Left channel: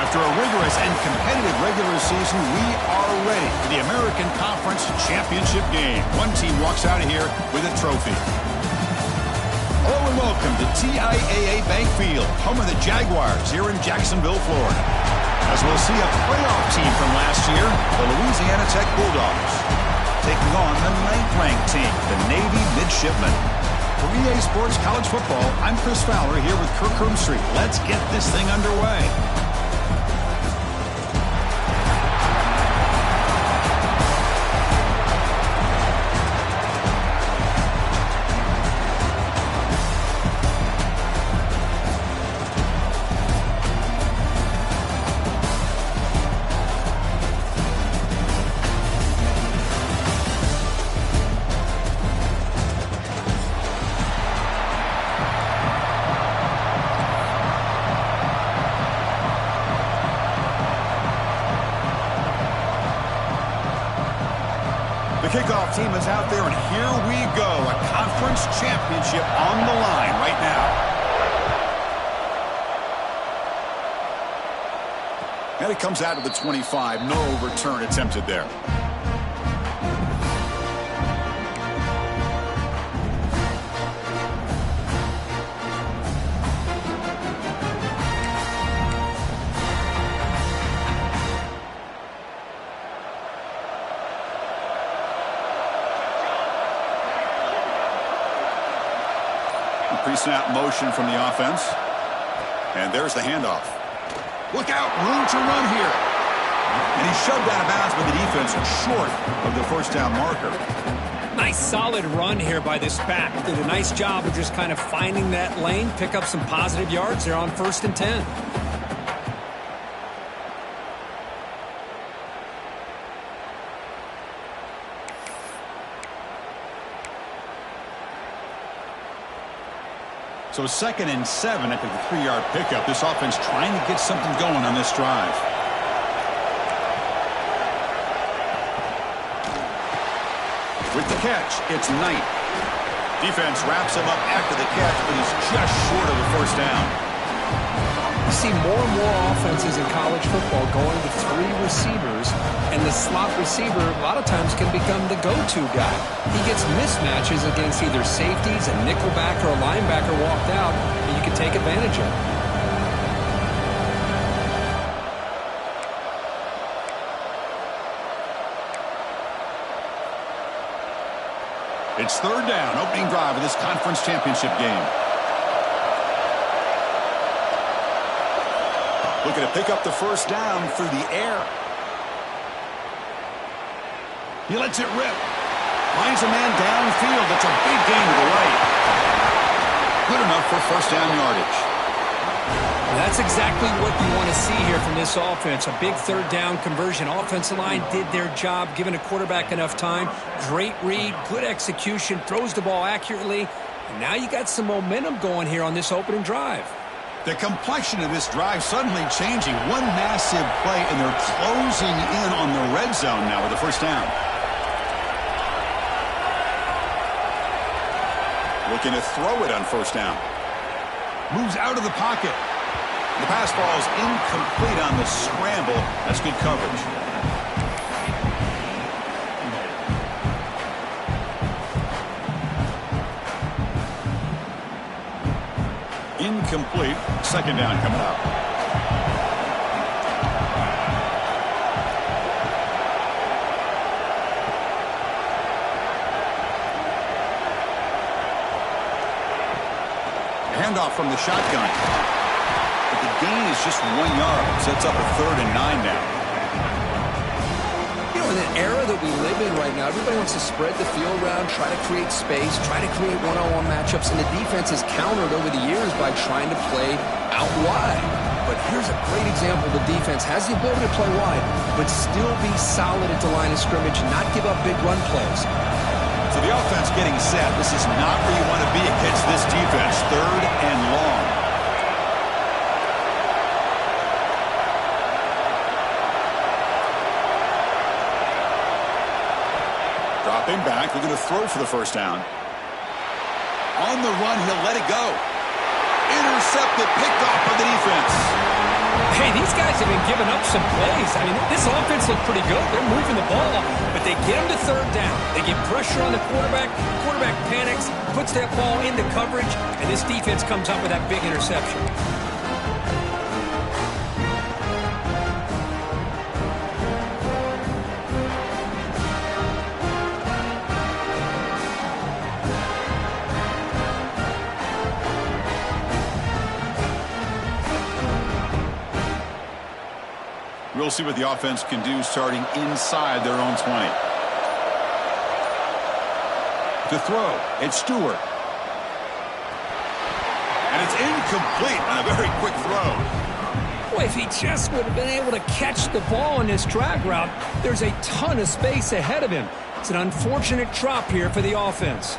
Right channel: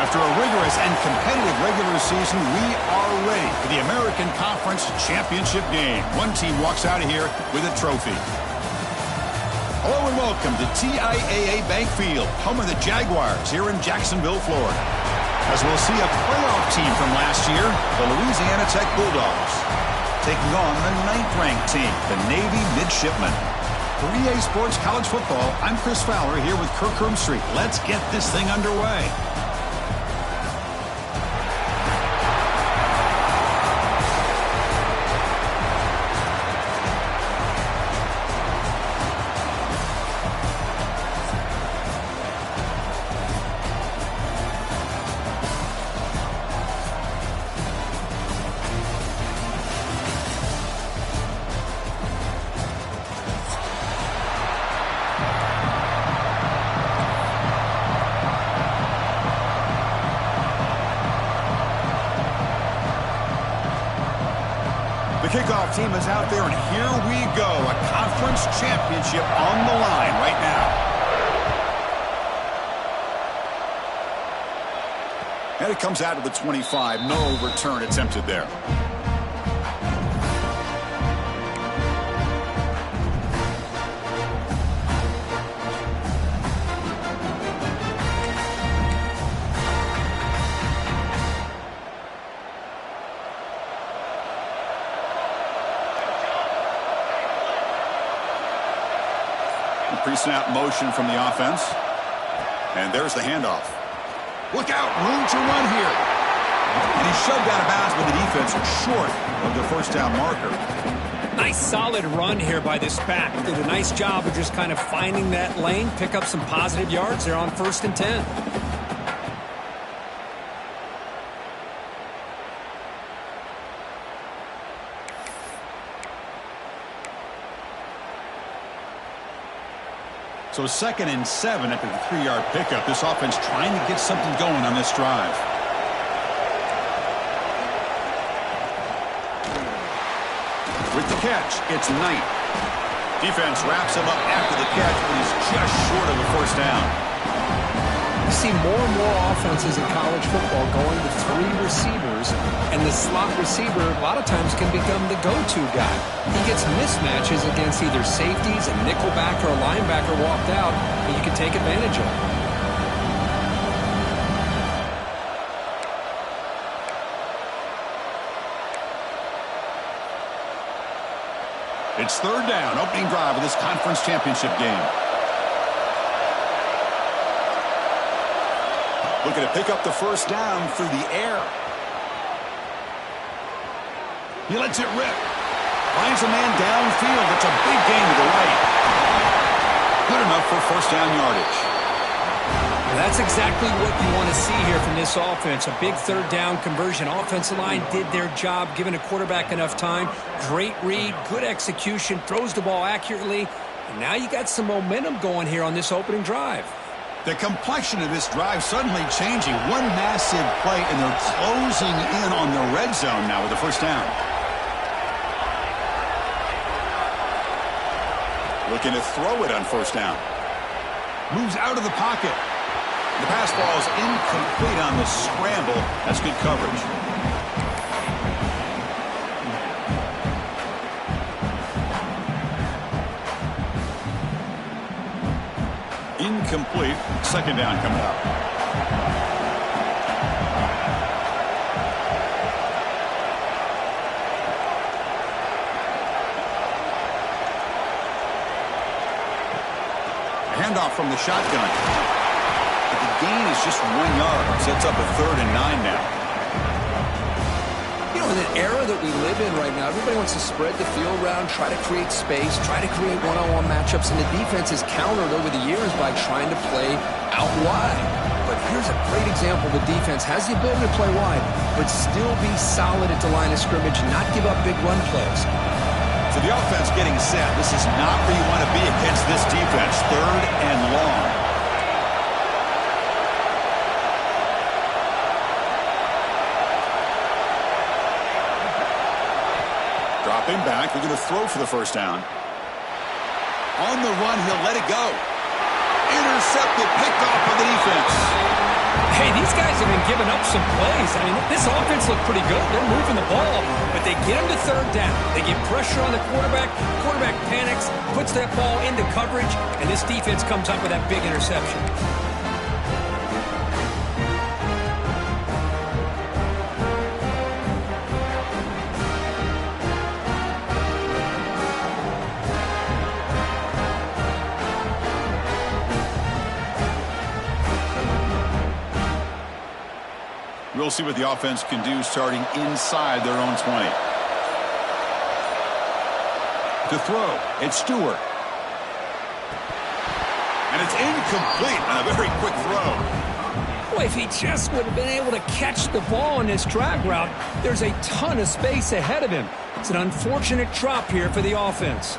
After a rigorous and competitive regular season, we are ready for the American Conference Championship game. One team walks out of here with a trophy. Hello and welcome to TIAA Bank Field, home of the Jaguars here in Jacksonville, Florida. As we'll see a playoff team from last year, the Louisiana Tech Bulldogs, taking on the 9th-ranked team, the Navy Midshipmen. For EA Sports College Football, I'm Chris Fowler here with Kirk Street. Let's get this thing underway. The kickoff team is out there, and here we go. A conference championship on the line right now. And it comes out of the 25. No return attempted there. Pre-snap motion from the offense. And there's the handoff. Look out, room to run here. And he's shoved out of bounds by the defense short of the first down marker. Nice solid run here by this back. Did a nice job of just kind of finding that lane, pick up some positive yards there on 1st and 10. So 2nd and 7 after the 3-yard pickup. This offense trying to get something going on this drive. With the catch, it's Knight. Defense wraps him up after the catch, but he's just short of a first down. You see more and more offenses in college football going to 3 receivers, and the slot receiver a lot of times can become the go-to guy. He gets mismatches against either safeties, a nickelback, or a linebacker walked out, and you can take advantage of it. It's 3rd down, opening drive of this conference championship game. Looking to pick up the first down through the air. He lets it rip. Finds a man downfield. That's a big gain to the right. Good enough for first down yardage. That's exactly what you want to see here from this offense. A big 3rd down conversion. Offensive line did their job, giving a quarterback enough time. Great read, good execution, throws the ball accurately. And now you got some momentum going here on this opening drive. The complexion of this drive suddenly changing. One massive play, and they're closing in on the red zone now with the first down. Looking to throw it on first down. Moves out of the pocket. The pass ball is incomplete on the scramble. That's good coverage. Incomplete. 2nd down coming up. Handoff from the shotgun. But the gain is just 1 yard. Sets up a 3rd and 9 now. You know, in an era that we live in right now, everybody wants to spread the field around, try to create space, try to create one-on-one matchups, and the defense is countered over the years by trying to play out wide. But here's a great example. The defense has the ability to play wide, but still be solid at the line of scrimmage, not give up big run plays. So the offense getting set. This is not where you want to be against this defense. 3rd and long. Dropping back, looking to throw for the first down. On the run, he'll let it go. Intercepted, picked off by the defense. Hey, these guys have been giving up some plays. I mean, this offense looked pretty good. They're moving the ball, but they get them to third down. They get pressure on the quarterback. Quarterback panics, puts that ball into coverage, and this defense comes up with that big interception. We'll see what the offense can do starting inside their own 20. To throw, it's Stewart. And it's incomplete on a very quick throw. Boy, if he just would have been able to catch the ball in this drag route, there's a ton of space ahead of him. It's an unfortunate drop here for the offense.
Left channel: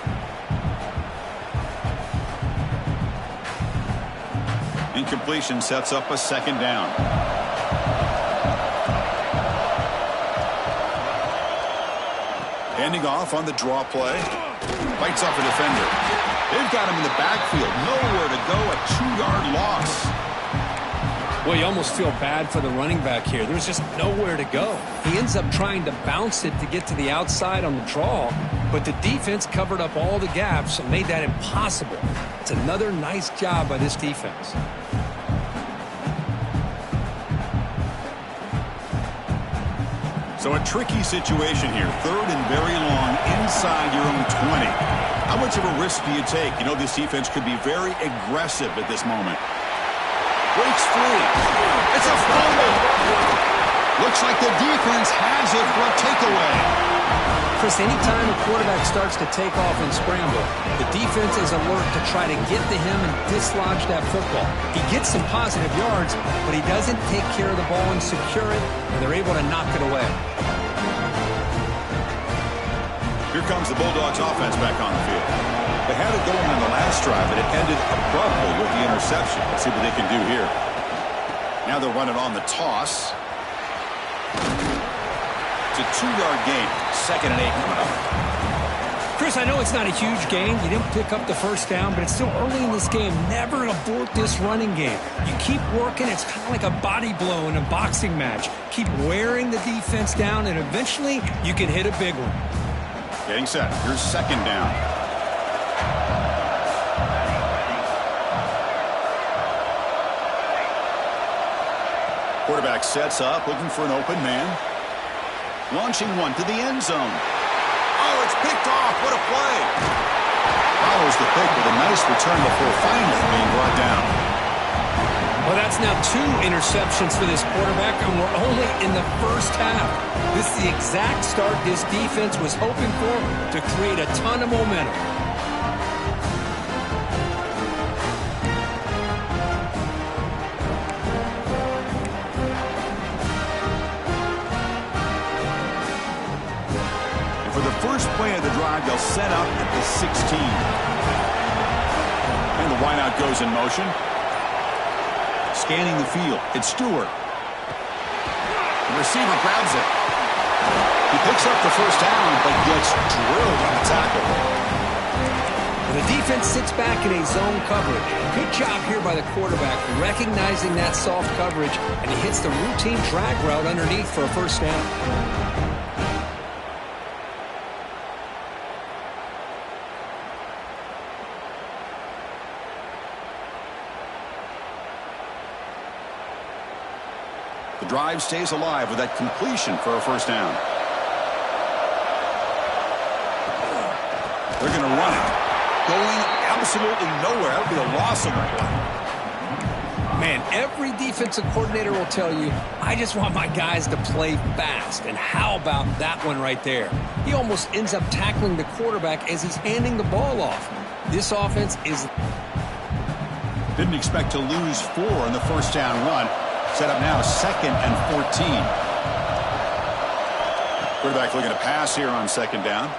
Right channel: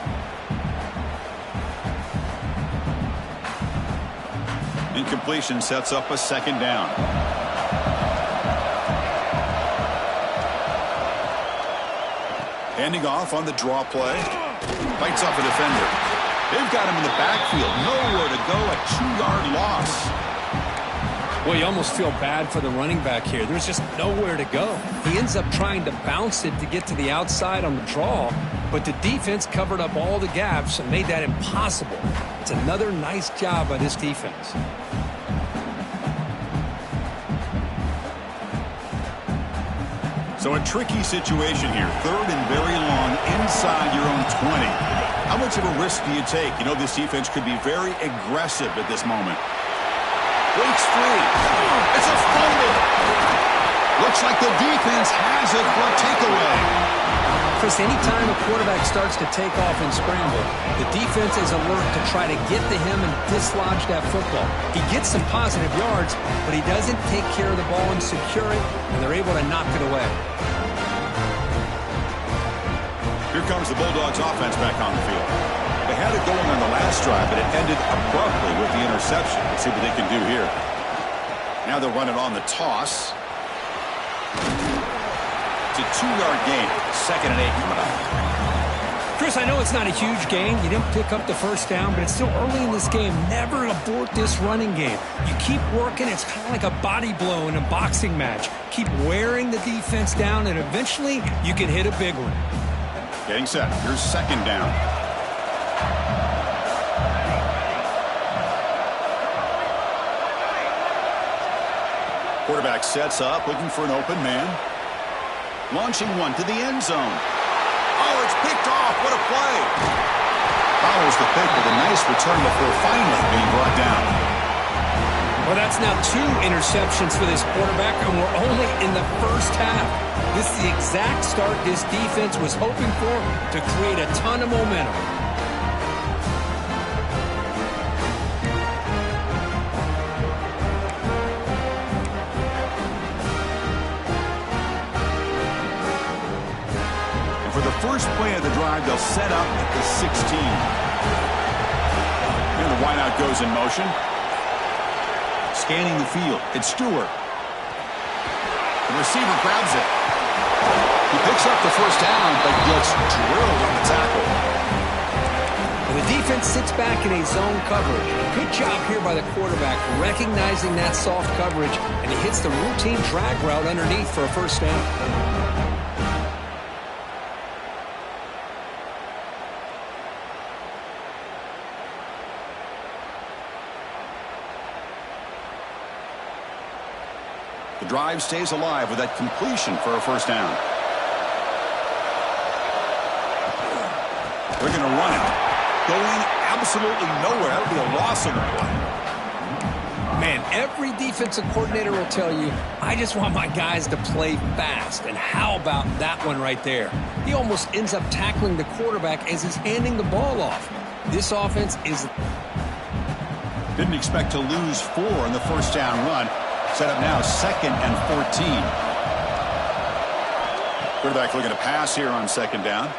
Incompletion sets up a second down. Handing off on the draw play. Bites off a defender. They've got him in the backfield. Nowhere to go. A 2-yard loss. Well, you almost feel bad for the running back here. There's just nowhere to go. He ends up trying to bounce it to get to the outside on the draw, but the defense covered up all the gaps and made that impossible. It's another nice job by this defense. So a tricky situation here. Third and very long inside your own 20. How much of a risk do you take? You know, this defense could be very aggressive at this moment. Breaks free. It's a fumble. Looks like the defense has it for a takeaway. Chris, anytime a quarterback starts to take off and scramble, the defense is alert to try to get to him and dislodge that football. He gets some positive yards, but he doesn't take care of the ball and secure it, and they're able to knock it away. Here comes the Bulldogs offense back on the field. They had it going on the last drive, but it ended abruptly with the interception. Let's see what they can do here. Now they'll run it on the toss. It's a 2-yard gain. 2nd and 8 coming up. Chris, I know it's not a huge gain. You didn't pick up the first down, but it's still early in this game. Never abort this running game. You keep working. It's kind of like a body blow in a boxing match. Keep wearing the defense down, and eventually you can hit a big one. Getting set. Here's 2nd down. Quarterback sets up, looking for an open man. Launching one to the end zone. Oh, it's picked off. What a play. Follows the pick with a nice return before finally being brought down. Well, that's now 2 interceptions for this quarterback, and we're only in the first half. This is the exact start this defense was hoping for to create a ton of momentum. And for the first play of the drive, they'll set up at the 16. And the wideout goes in motion. Scanning the field. It's Stewart. The receiver grabs it. He picks up the first down, but gets drilled on the tackle. And the defense sits back in a zone coverage. Good job here by the quarterback, recognizing that soft coverage, and he hits the routine drag route underneath for a first down. The drive stays alive with that completion for a first down. They're going to run it. Going absolutely nowhere. That'll be a loss on the play. Man, every defensive coordinator will tell you, I just want my guys to play fast. And how about that one right there? He almost ends up tackling the quarterback as he's handing the ball off. This offense is... Didn't expect to lose 4 in the first down run. Set up now 2nd and 14. Quarterback looking to pass here on 2nd down.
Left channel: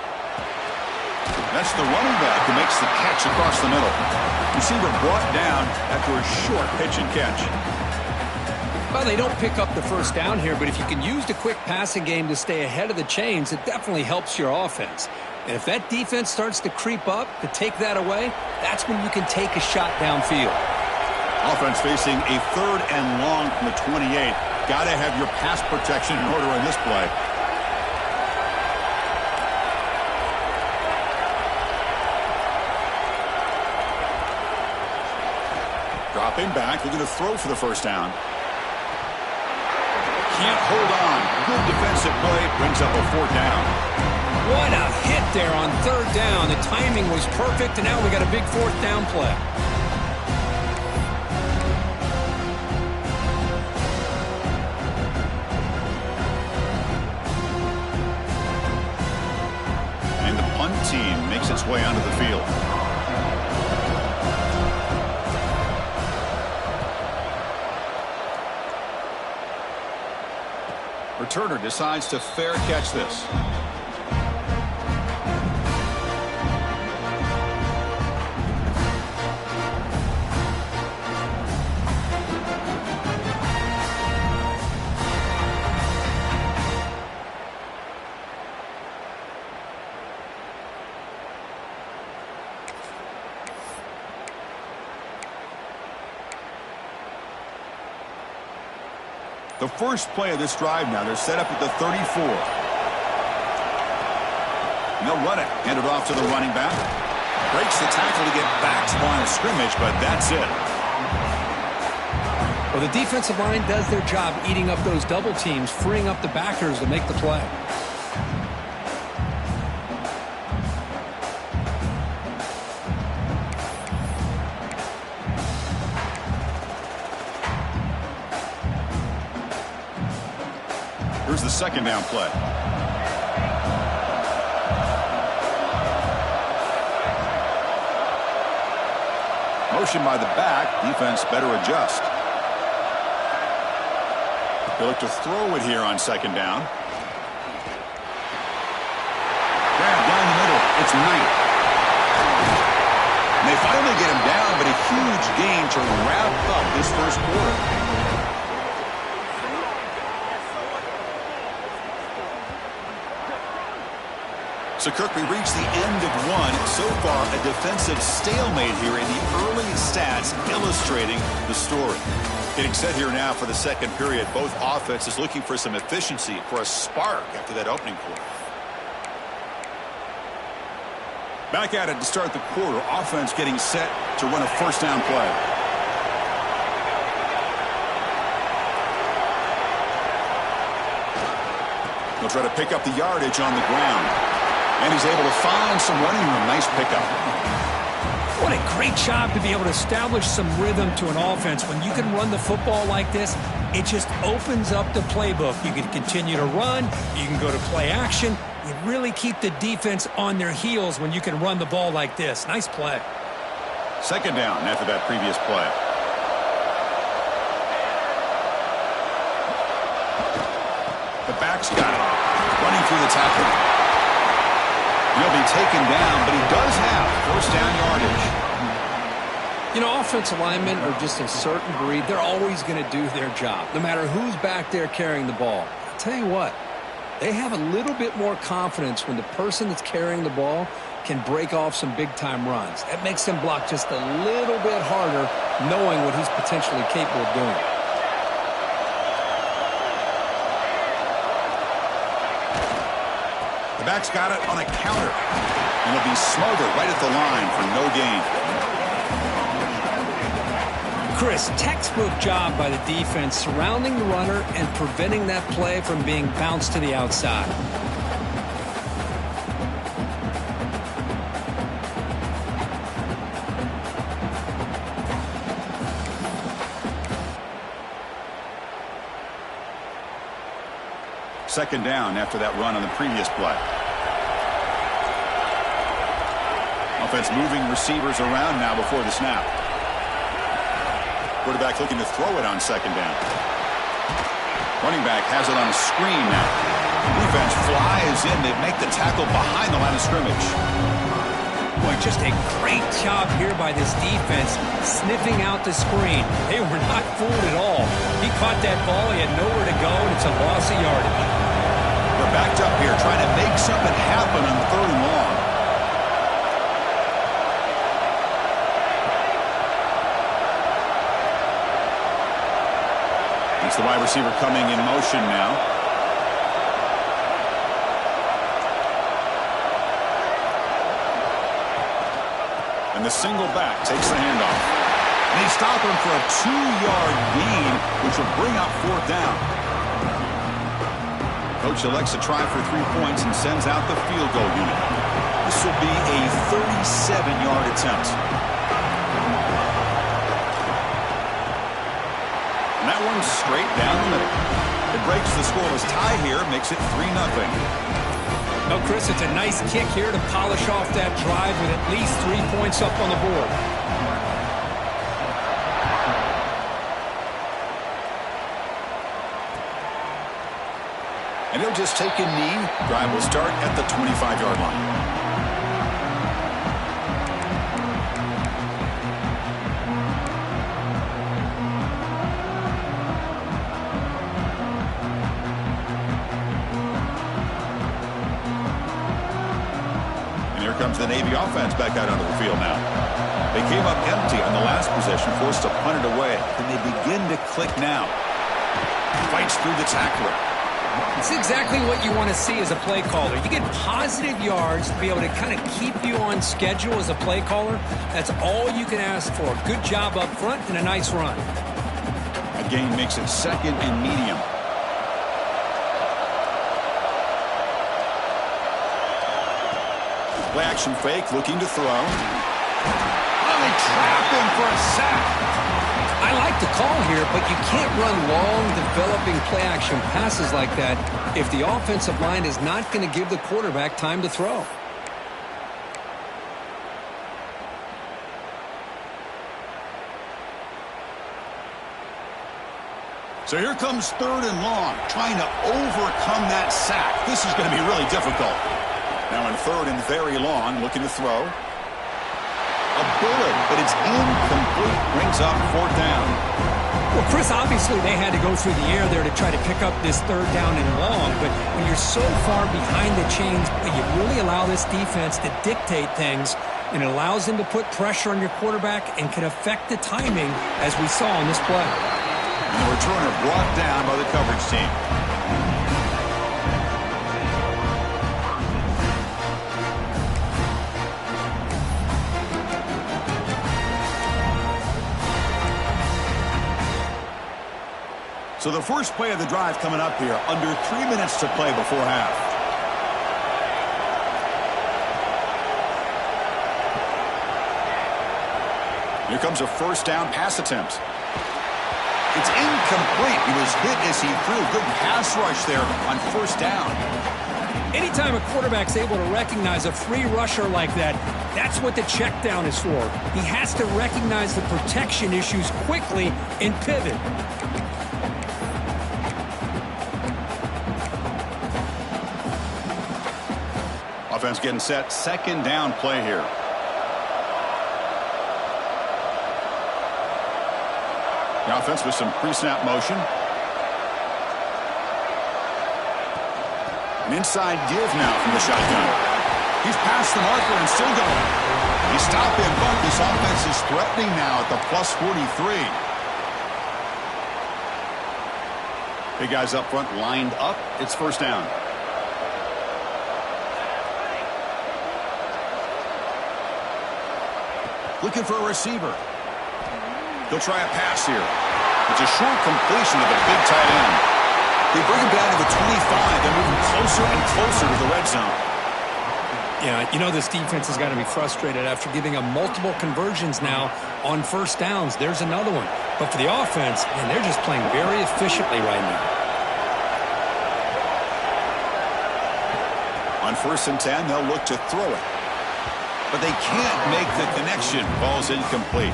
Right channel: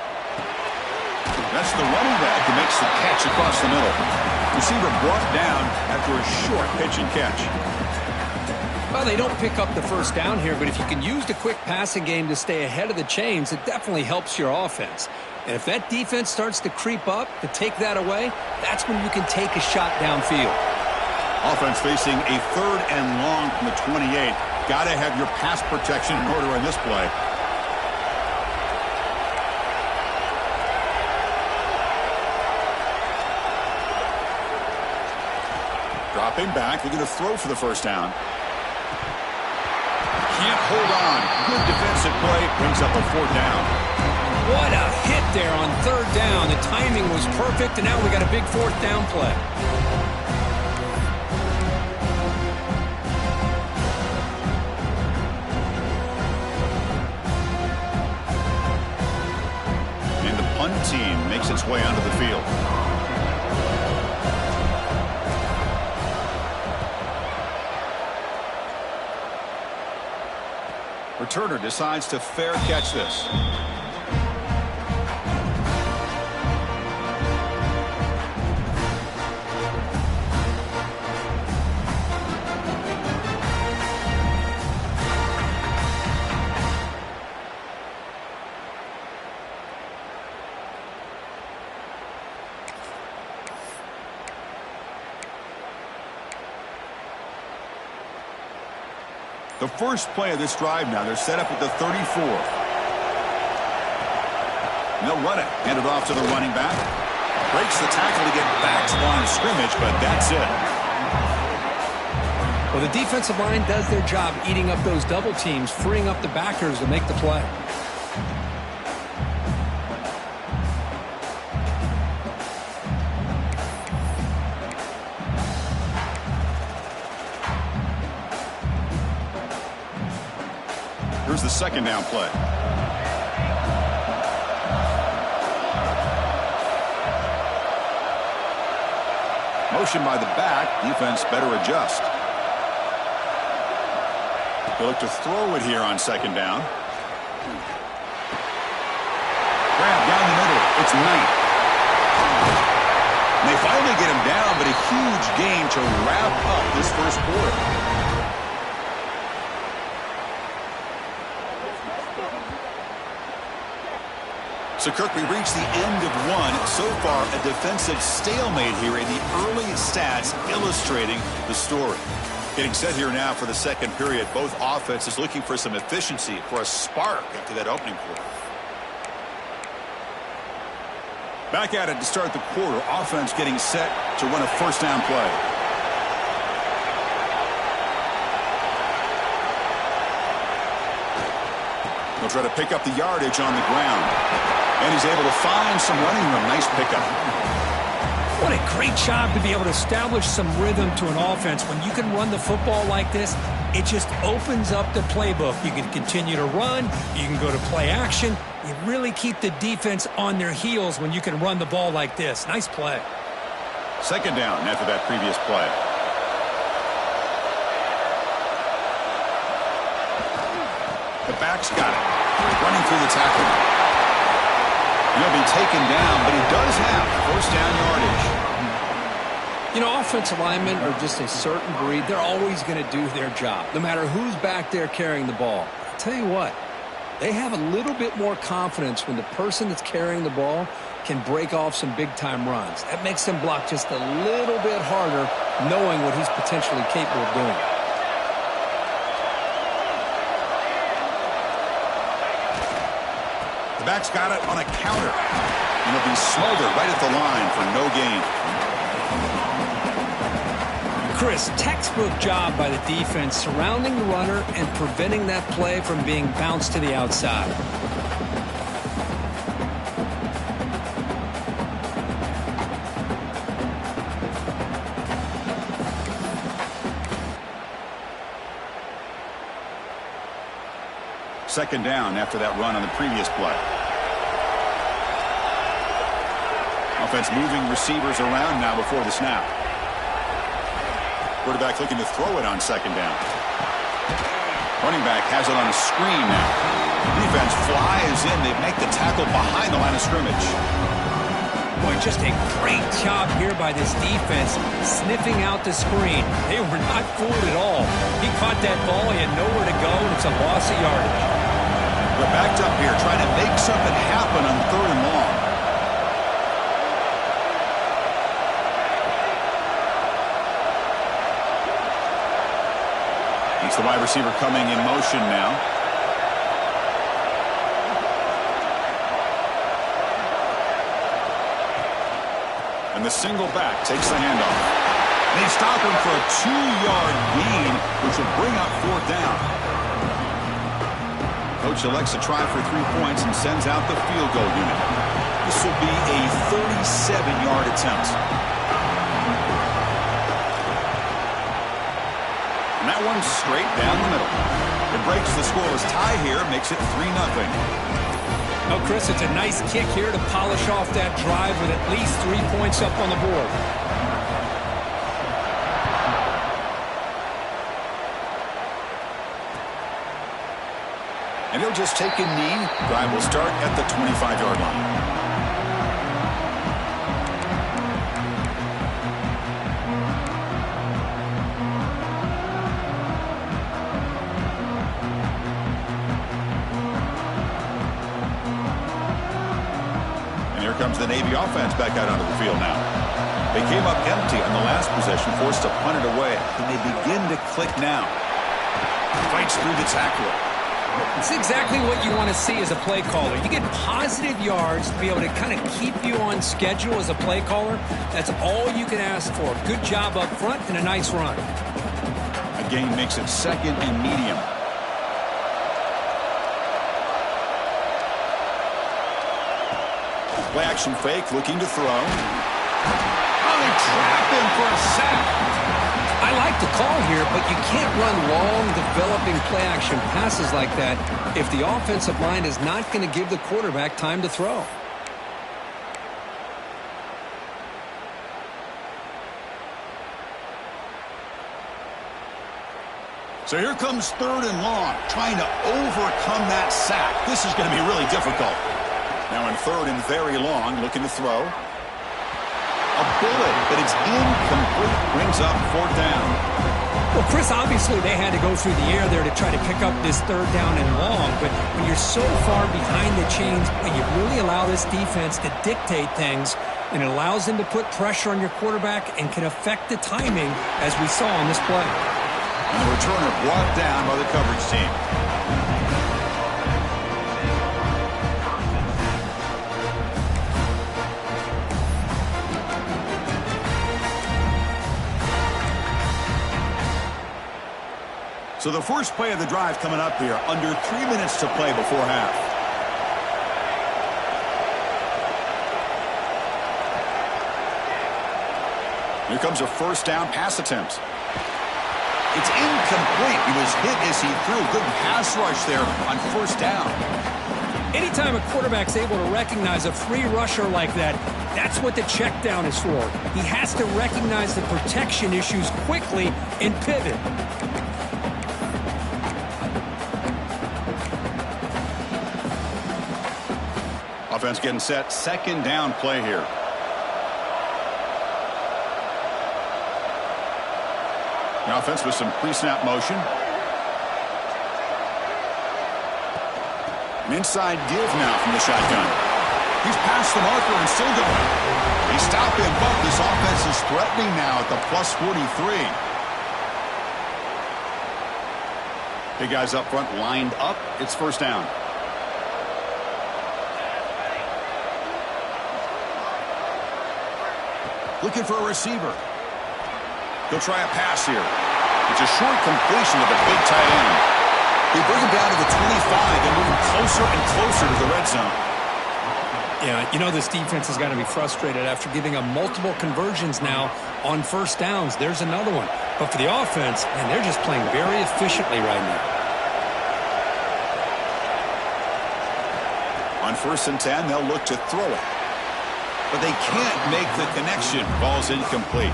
That's the running back who makes the catch across the middle. Receiver brought down after a short pitch and catch. Well, they don't pick up the first down here, but if you can use the quick passing game to stay ahead of the chains, it definitely helps your offense. And if that defense starts to creep up to take that away, that's when you can take a shot downfield. Offense facing a 3rd and long from the 28. Got to have your pass protection in order in this play. Dropping back, looking to throw for the first down. Can't hold on. Good defensive play. Brings up a 4th down. What a hit there on 3rd down. The timing was perfect, and now we got a big 4th down play. And the punt team makes its way onto the field. Returner decides to fair catch this. The first play of this drive now, they're set up at the 34. And they'll run it. Hand it off to the running back. Breaks the tackle to get back to the line of scrimmage, but that's it. Well, the defensive line does their job eating up those double teams, freeing up the backers to make the play. Here's the 2nd down play. Motion by the back. Defense better adjust. They look to throw it here on 2nd down. Grab down the middle. It's Knight. And they finally get him down, but a huge gain to wrap up this first quarter. So, Kirk, we reached the end of one. So far, a defensive stalemate here in the early stats illustrating the story. Getting set here now for the 2nd period. Both offenses looking for some efficiency, for a spark after that opening quarter. Back at it to start the quarter. Offense getting set to run a 1st down play. They'll try to pick up the yardage on the ground. And he's able to find some running room. Nice pickup. What a great job to be able to establish some rhythm to an offense. When you can run the football like this, it just opens up the playbook. You can continue to run. You can go to play action. You really keep the defense on their heels when you can run the ball like this. Nice play. 2nd down after that previous play. The back's got it. Running through the tackle. He'll be taken down, but he does have 1st down yardage. You know, offensive linemen are just a certain breed. They're always going to do their job, no matter who's back there carrying the ball. I'll tell you what, they have a little bit more confidence when the person that's carrying the ball can break off some big-time runs. That makes them block just a little bit harder, knowing what he's potentially capable of doing. The back's got it on a counter. And he'll be smothered right at the line for no gain. Chris, textbook job by the defense surrounding the runner and preventing that play from being bounced to the outside. Second down after that run on the previous play. Offense moving receivers around now before the snap. Quarterback looking to throw it on 2nd down. Running back has it on a screen now. Defense flies in. They make the tackle behind the line of scrimmage. Boy, just a great job here by this defense, sniffing out the screen. They were not fooled at all. He caught that ball. He had nowhere to go, and it's a loss of yardage. We're backed up here trying to make something happen on 3rd and long. It's the wide receiver coming in motion now. And the single back takes the handoff. They stop him for a 2-yard gain, which will bring up 4th down. Coach elects to try for 3 points and sends out the field goal unit. This will be a 37-yard attempt. And that one's straight down the middle. It breaks the scoreless tie here, makes it 3-0. No, Chris, it's a nice kick here to polish off that drive with at least 3 points up on the board. And he'll just take a knee. Drive will start at the 25-yard line. And here comes the Navy offense back out onto the field now. They came up empty on the last possession, forced to punt it away. And they begin to click now. Fights through the tackler. It's exactly what you want to see as a play caller. You get positive yards to be able to kind of keep you on schedule as a play caller. That's all you can ask for. Good job up front and a nice run. A gain makes it 2nd and medium. Play action fake, looking to throw. Oh, they trap him for a sack. I like the call here, but you can't run long, developing play-action passes like that if the offensive line is not going to give the quarterback time to throw. So here comes 3rd and long, trying to overcome that sack. This is going to be really difficult. Now in 3rd and very long, looking to throw. A bullet, but it's incomplete, brings up 4th down. Well, Chris, obviously they had to go through the air there to try to pick up this 3rd down and long, but when you're so far behind the chains, you really allow this defense to dictate things, and it allows them to put pressure on your quarterback and can affect the timing, as we saw on this play. And the returner brought down by the coverage team. So the first play of the drive coming up here, under 3 minutes to play before half. Here comes a 1st down pass attempt. It's incomplete. He was hit as he threw. Good pass rush there on 1st down. Anytime a quarterback's able to recognize a free rusher like that, that's what the check down is for. He has to recognize the protection issues quickly and pivot. Offense getting set. 2nd down play here. The offense with some pre-snap motion. An inside give now from the shotgun. He's past the marker and still going. He stopped him, but this offense is threatening now at the plus 43. Big guys up front lined up. It's 1st down. Looking for a receiver. He'll try a pass here. It's a short completion to the big tight end. They bring him down to the 25. They're moving closer and closer to the red zone. Yeah, you know this defense has got to be frustrated after giving up multiple conversions now on 1st downs. There's another one. But for the offense, man, they're just playing very efficiently right now. On 1st and 10, they'll look to throw it. But they can't make the connection. Ball's incomplete.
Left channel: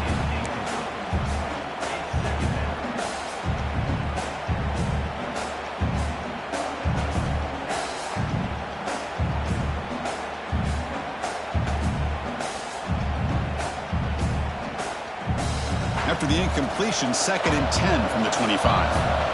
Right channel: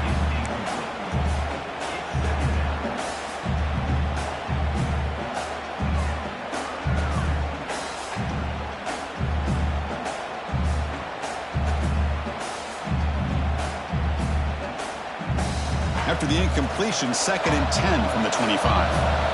After the incompletion, 2nd and 10 from the 25.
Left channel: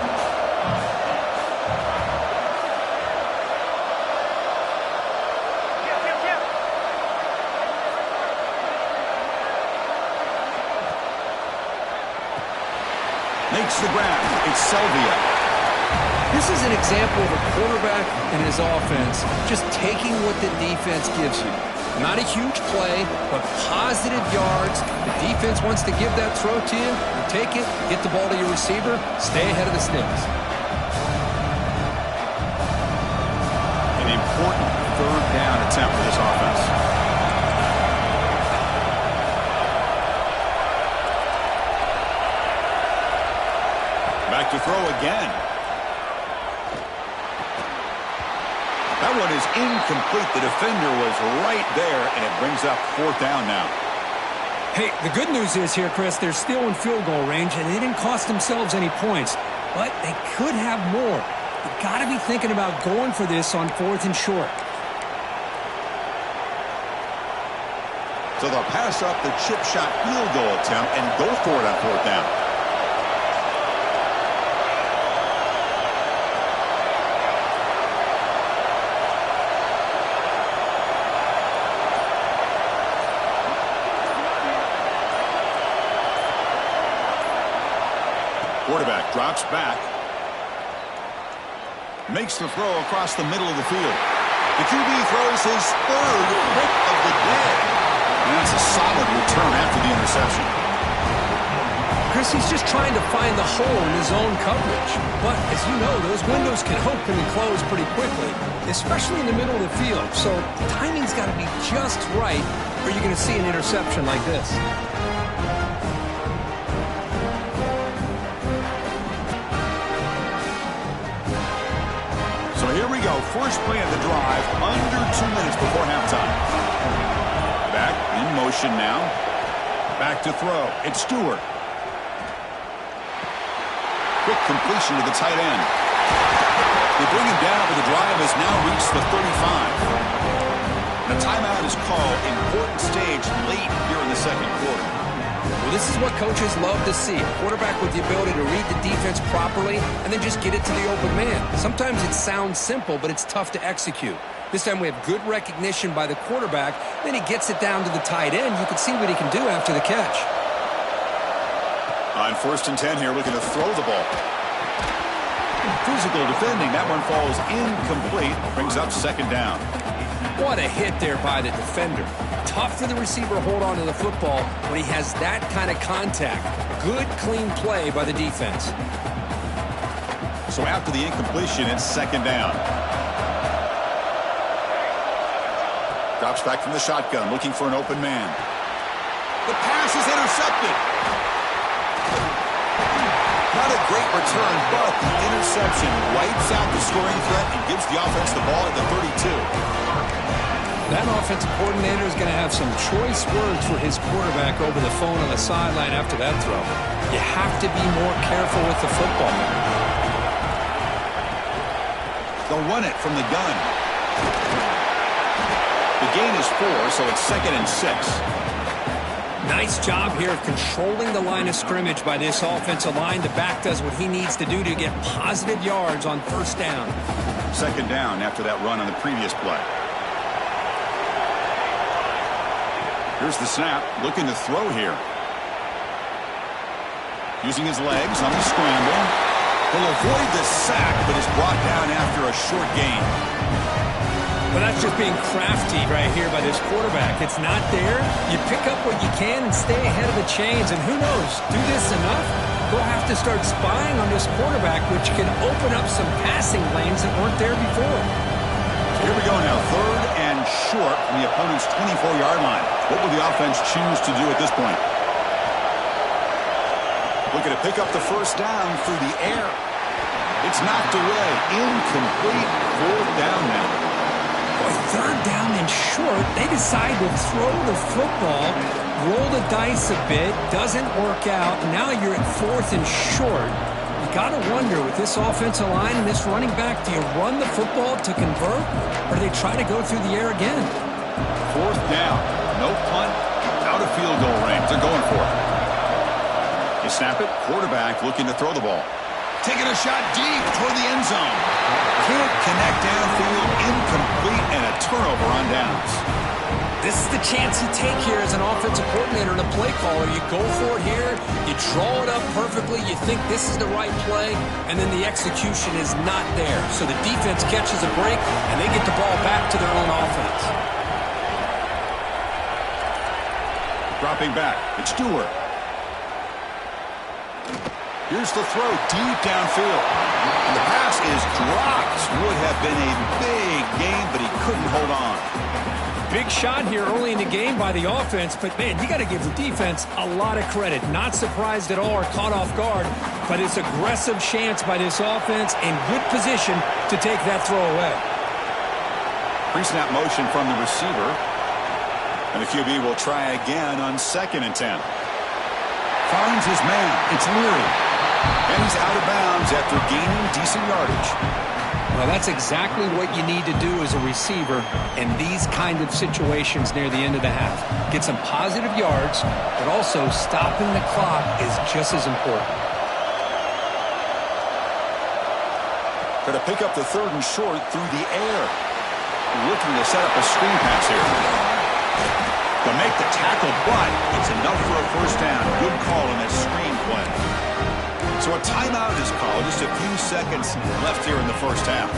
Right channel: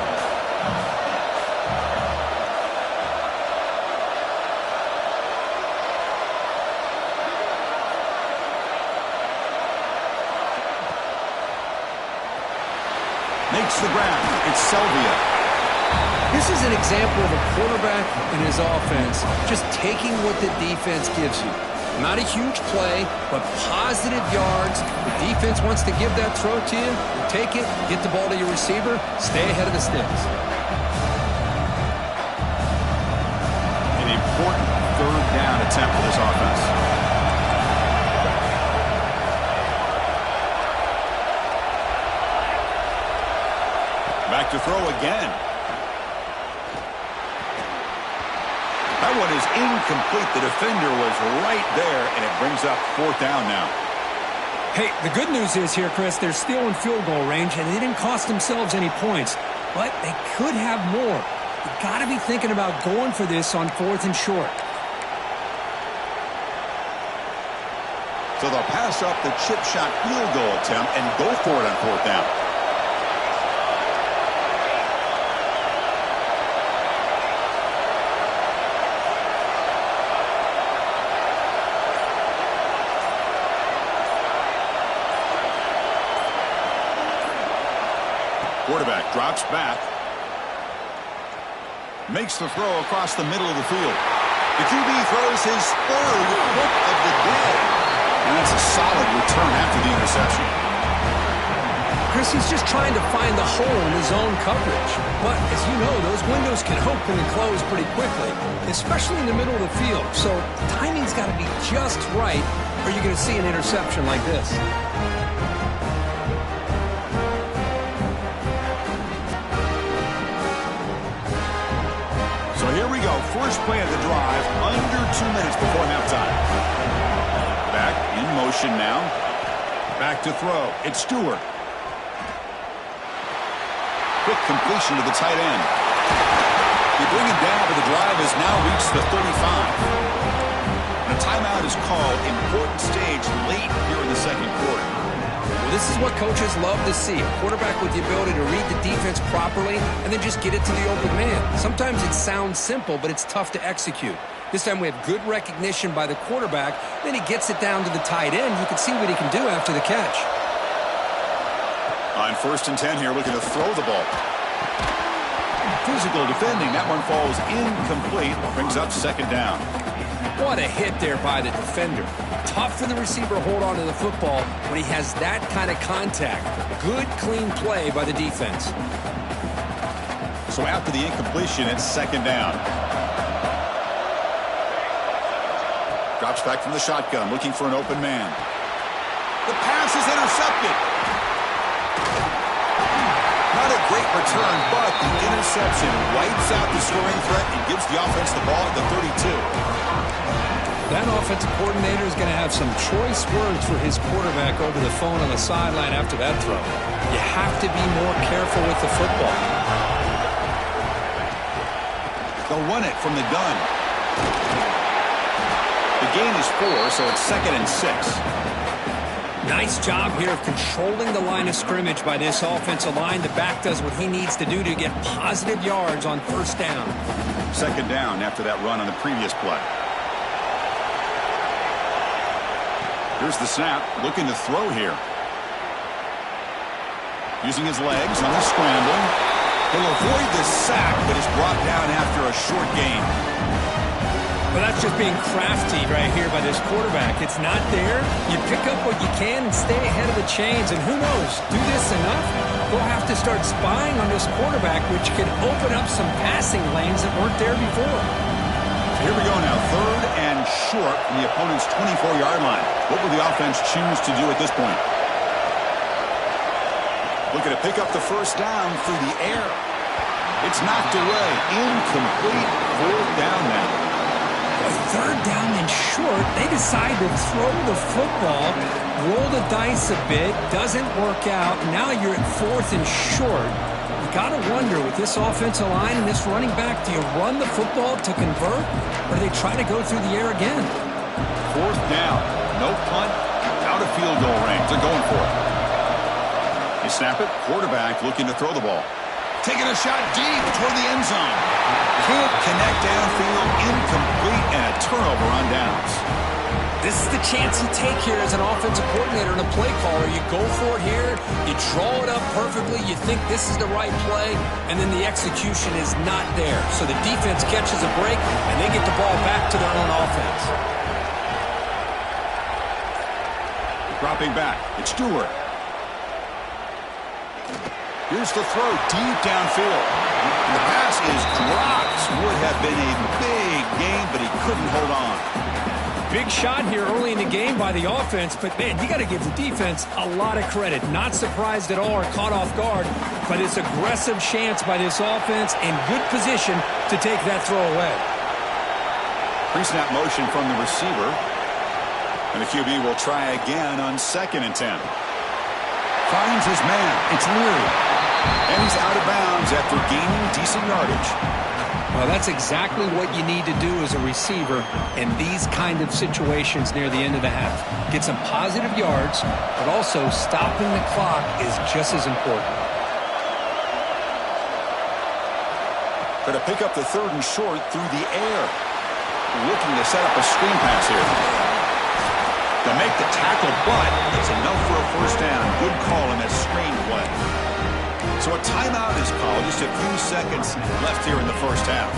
Makes the grab. It's Selvia. This is an example of a quarterback and his offense just taking what the defense gives you. Not a huge play, but positive yards. The defense wants to give that throw to you. You take it, get the ball to your receiver, stay ahead of the sticks. An important third down attempt for this offense. Back to throw again. That one is incomplete. The defender was right there, and it brings up fourth down now. Hey, the good news is here, Chris, they're still in field goal range, and they didn't cost themselves any points. But they could have more. You got to be thinking about going for this on 4th and short. So they'll pass up the chip shot field goal attempt and go for it on fourth down. Quarterback drops back. Makes the throw across the middle of the field. The QB throws his third pick of the day. And that's a solid return after the interception. Chris, he's just trying to find the hole in his own coverage. But, as you know, those windows can open and close pretty quickly, especially in the middle of the field. So, timing's got to be just right, or you're going to see an interception like this. So here we go. First play of the drive, under 2 minutes before halftime. Back in motion now. Back to throw. It's Stewart. Quick completion to the tight end. They bring him down, but the drive has now reached the 35. And a timeout is called. Important stage late here in the second quarter. Well, this is what coaches love to see. A quarterback with the ability to read the defense properly and then just get it to the open man. Sometimes it sounds simple, but it's tough to execute. This time we have good recognition by the quarterback. Then he gets it down to the tight end. You can see what he can do after the catch. On 1st and 10 here, looking to throw the ball. Physical defending. That one falls incomplete. Brings up second down. What a hit there by the defender. Tough for the receiver to hold on to the football when he has that kind of contact. Good, clean play by the defense. So after the incompletion, it's second down. Drops back from the shotgun, looking for an open man. The pass is intercepted. Not a great return, but the interception wipes out the scoring threat and gives the offense the ball at the 32. That offensive coordinator is going to have some choice words for his quarterback over the phone on the sideline after that throw. You have to be more careful with the football. They'll run it from the gun. The gain is 4, so it's 2nd and 6. Nice job here of controlling the line of scrimmage by this offensive line. The back does what he needs to do to get positive yards on first down. Second down after that run on the previous play. Here's the snap, looking to throw here. Using his legs on the scramble. He'll avoid the sack, but is brought down after a short gain. Well, that's just being crafty right here by this quarterback. It's not there. You pick up what you can and stay ahead of the chains. And who knows, do this enough, they'll have to start spying on this quarterback, which can open up some passing lanes that weren't there before. So here we go now, 3rd and short from the opponent's 24-yard line. What will the offense choose to do at this point? Looking to pick up the first down through the air. It's knocked away. Incomplete. 4th down now. Boy, 3rd down and short. They decide to throw the football, roll the dice a bit, doesn't work out. Now you're at 4th and short. You got to wonder, with this offensive line and this running back, do you run the football to convert, or do they try to go through the air again? 4th down. No punt. Out of field goal range. They're going for it. They snap it. Quarterback looking to throw the ball. Taking a shot deep toward the end zone. Can't connect downfield. Incomplete. incomplete, and a turnover on downs. This is the chance you take here as an offensive coordinator and a play caller. You go for it here, you draw it up perfectly, you think this is the right play, and then the execution is not there. So the defense catches a break, and they get the ball back to their own offense. Dropping back, it's Stewart. Here's the throw deep downfield. And the pass is dropped. Would have been a big gain, but he couldn't hold on. Big shot here early in the game by the offense, but, man, you got to give the defense a lot of credit. Not surprised at all or caught off guard, but it's aggressive chance by this offense in good position to take that throw away. Pre-snap motion from the receiver. And the QB will try again on 2nd and 10. Finds his man. It's Leary. And he's out of bounds after gaining decent yardage. Well, that's exactly what you need to do as a receiver in these kind of situations near the end of the half. Get some positive yards, but also stopping the clock is just as important. Going to pick up the 3rd and short through the air. Looking to set up a screen pass here. To make the tackle, but it's enough for a first down. Good call in that screen play. So a timeout is called. Just a few seconds left here in the first half.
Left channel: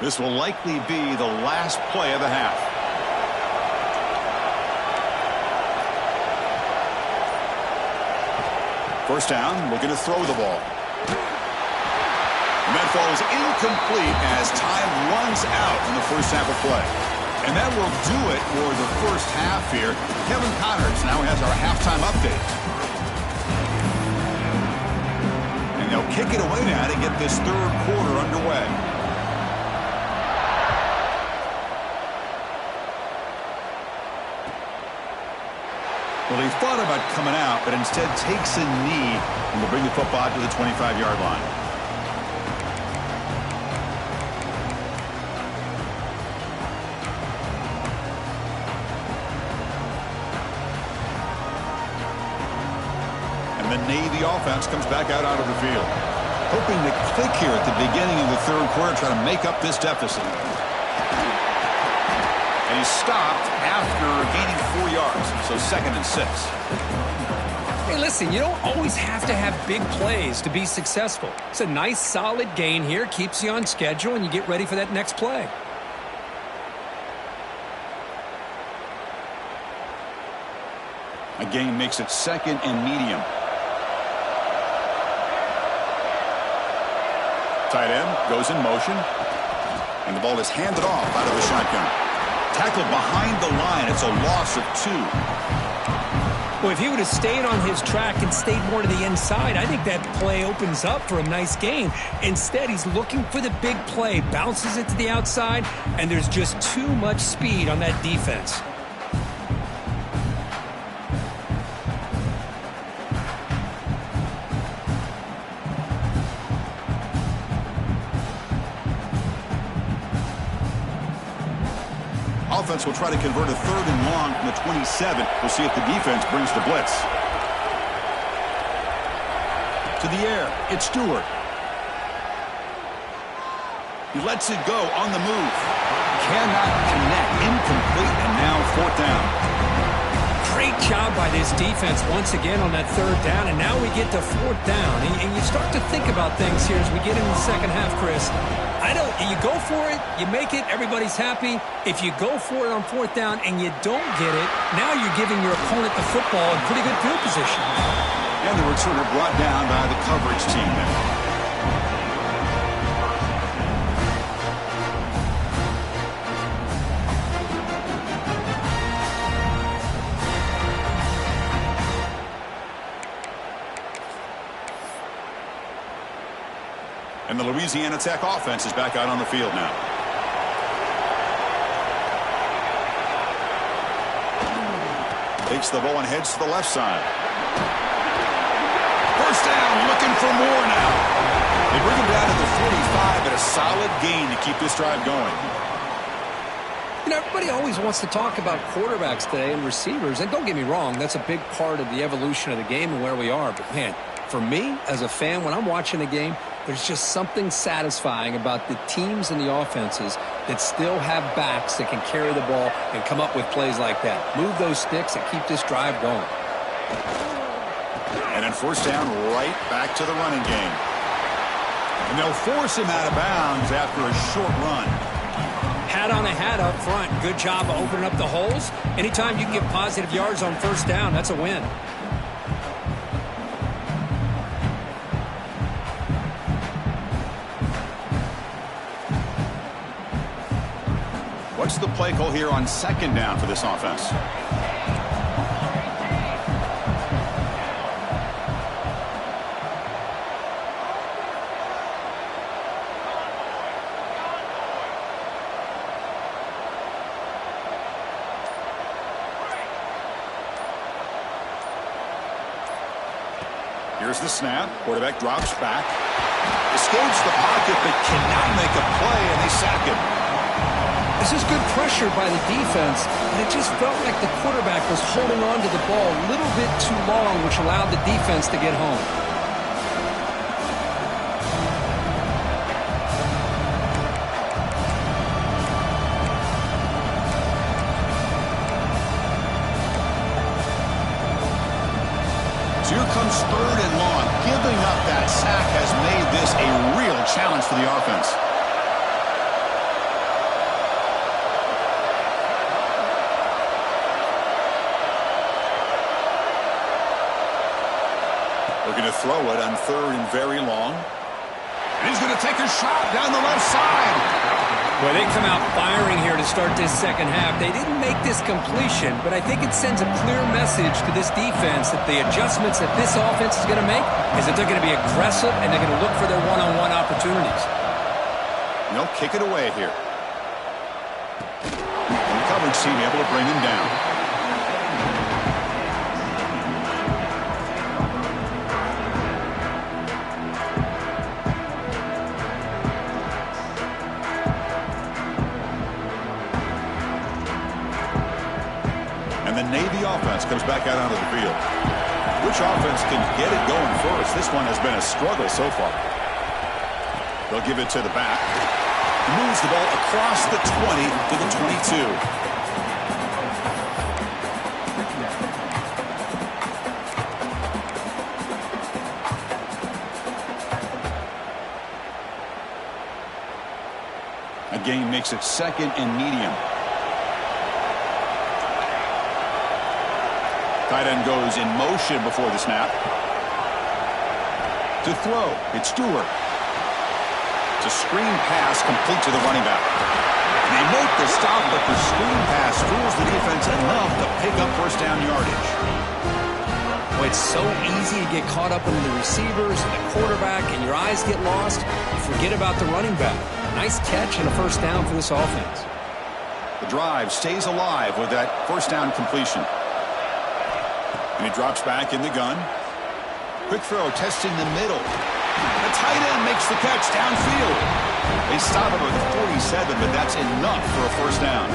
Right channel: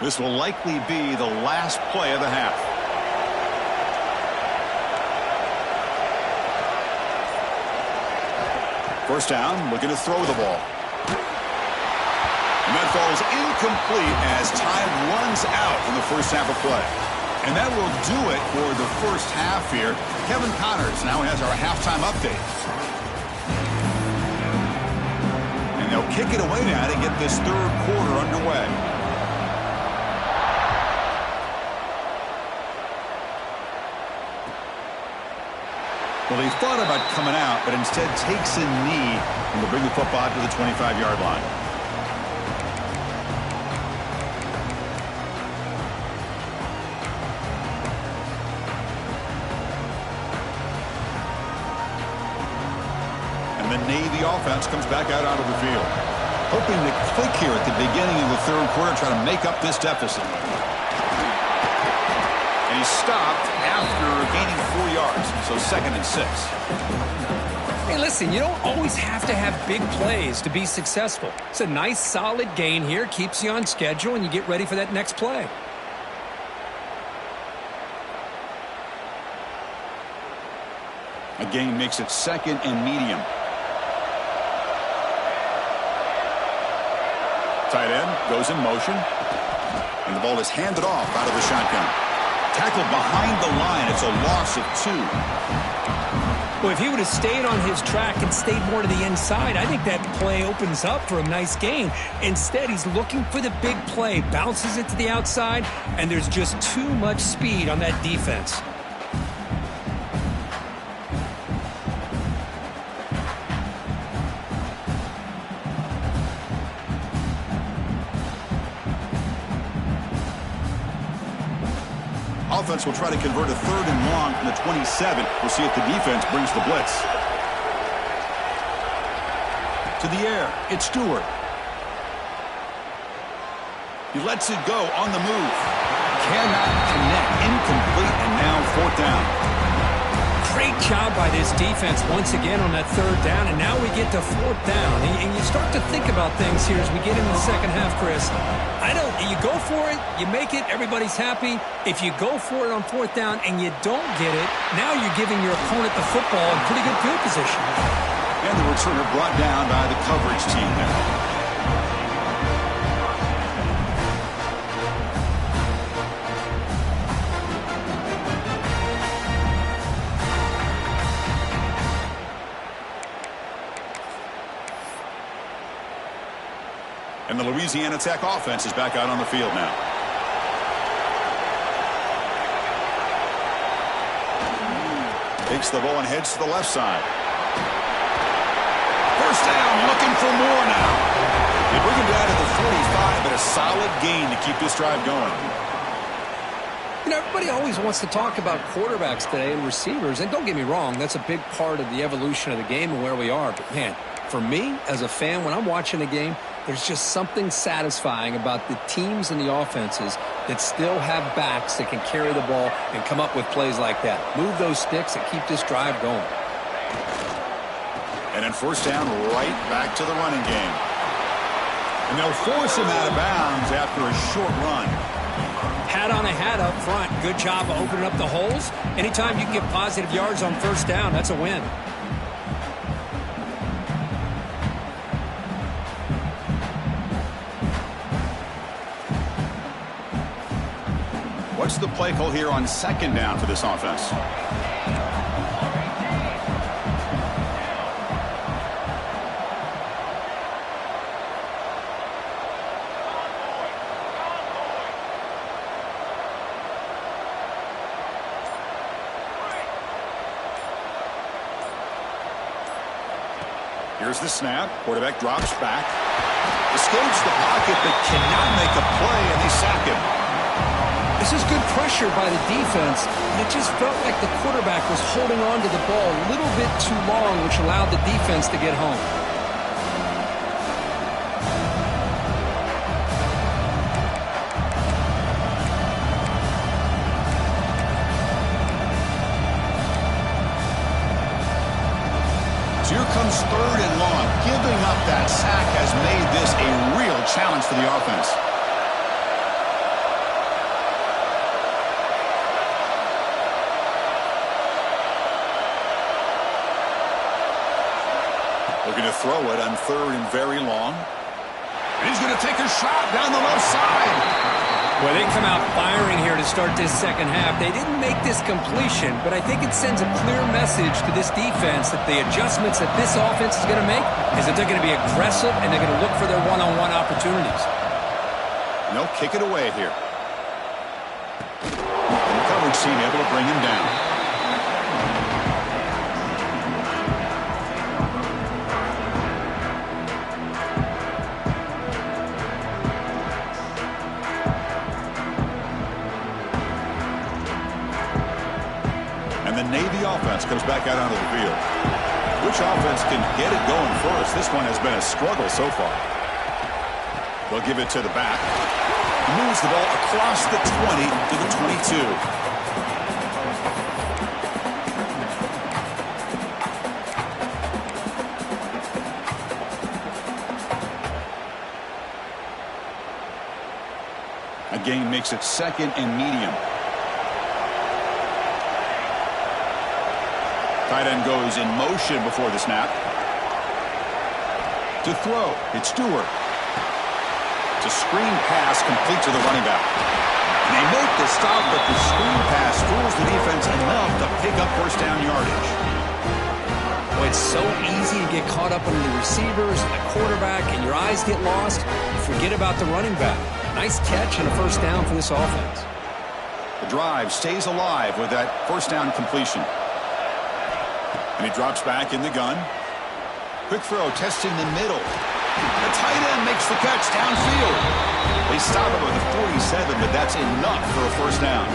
This will likely be the last play of the half. First down, looking to throw the ball. And that falls incomplete as time runs out in the first half of play. And that will do it for the first half here. Kevin Connors now has our halftime update. And they'll kick it away now to get this 3rd quarter underway. Well, he thought about coming out, but instead takes a knee and will bring the football to the 25-yard line. And the Navy offense comes back out onto the field. Hoping to click here at the beginning of the 3rd quarter, try to make up this deficit. And he's stopped after gaining 4 yards, so 2nd and 6. Hey, listen, you don't always have to have big plays to be successful. It's a nice, solid gain here, keeps you on schedule, and you get ready for that next play. A gain makes it 2nd and medium. Tight end goes in motion, and the ball is handed off out of the shotgun. Tackled behind the line. It's a loss of 2. Well, if he would have stayed on his track and stayed more to the inside, I think that play opens up for a nice gain. Instead, he's looking for the big play, bounces it to the outside, and there's just too much speed on that defense. Offense will try to convert a 3rd and long from the 27. We'll see if the defense brings the blitz. To the air, it's Stewart. He lets it go on the move. Cannot connect. Incomplete, and now 4th down. Great job by this defense once again on that 3rd down, and now we get to 4th down. And you start to think about things here as we get into the second half, Chris. You go for it, you make it, everybody's happy. If you go for it on 4th down and you don't get it, now you're giving your opponent the football in pretty good field position. And the returner brought down by the coverage team there. And the Louisiana Tech offense is back out on the field now. Takes the ball and heads to the left side. First down, looking for more now. They bring him down to the 45, but a solid gain to keep this drive going. You know, everybody always wants to talk about quarterbacks today and receivers, and don't get me wrong, that's a big part of the evolution of the game and where we are. But, man, for me, as a fan, when I'm watching a game, there's just something satisfying about the teams and the offenses that still have backs that can carry the ball and come up with plays like that. Move those sticks and keep this drive going. And then first down, right back to the running game. And they'll force him out of bounds after a short run. Hat on a hat up front. Good job of opening up the holes. Anytime you can get positive yards on first down, that's a win. What's the play call here on second down for this offense? Here's the snap. Quarterback drops back. Escapes the pocket, but cannot make a play, and they sack him. This is good pressure by the defense, and it just felt like the quarterback was holding on to the ball a little bit too long, which allowed the defense to get home. So here comes third and long. Giving up that sack has made this a real challenge for the offense. Looking to throw it on third and very long. And he's going to take a shot down the left side. Well, they come out firing here to start this second half. They didn't make this completion, but I think it sends a clear message to this defense that the adjustments that this offense is going to make is that they're going to be aggressive and they're going to look for their one-on-one opportunities. And they'll kick it away here. And the coverage team able to bring him down. Navy offense comes back out onto the field. Which offense can get it going first? This one has been a struggle so far. They'll give it to the back. He moves the ball across the 20 to the 22. A gain makes it second and medium. Tight end goes in motion before the snap. To throw, it's Stewart. It's a screen pass complete to the running back. And they make the stop, but the screen pass fools the defense enough to pick up first down yardage. Well, it's so easy to get caught up in the receivers and the quarterback, and your eyes get lost. You forget about the running back. Nice catch and a first down for this offense. The drive stays alive with that first down completion. And he drops back in the gun. Quick throw, testing the middle. The tight end makes the catch downfield. They stop him at the 47, but that's enough for a first down.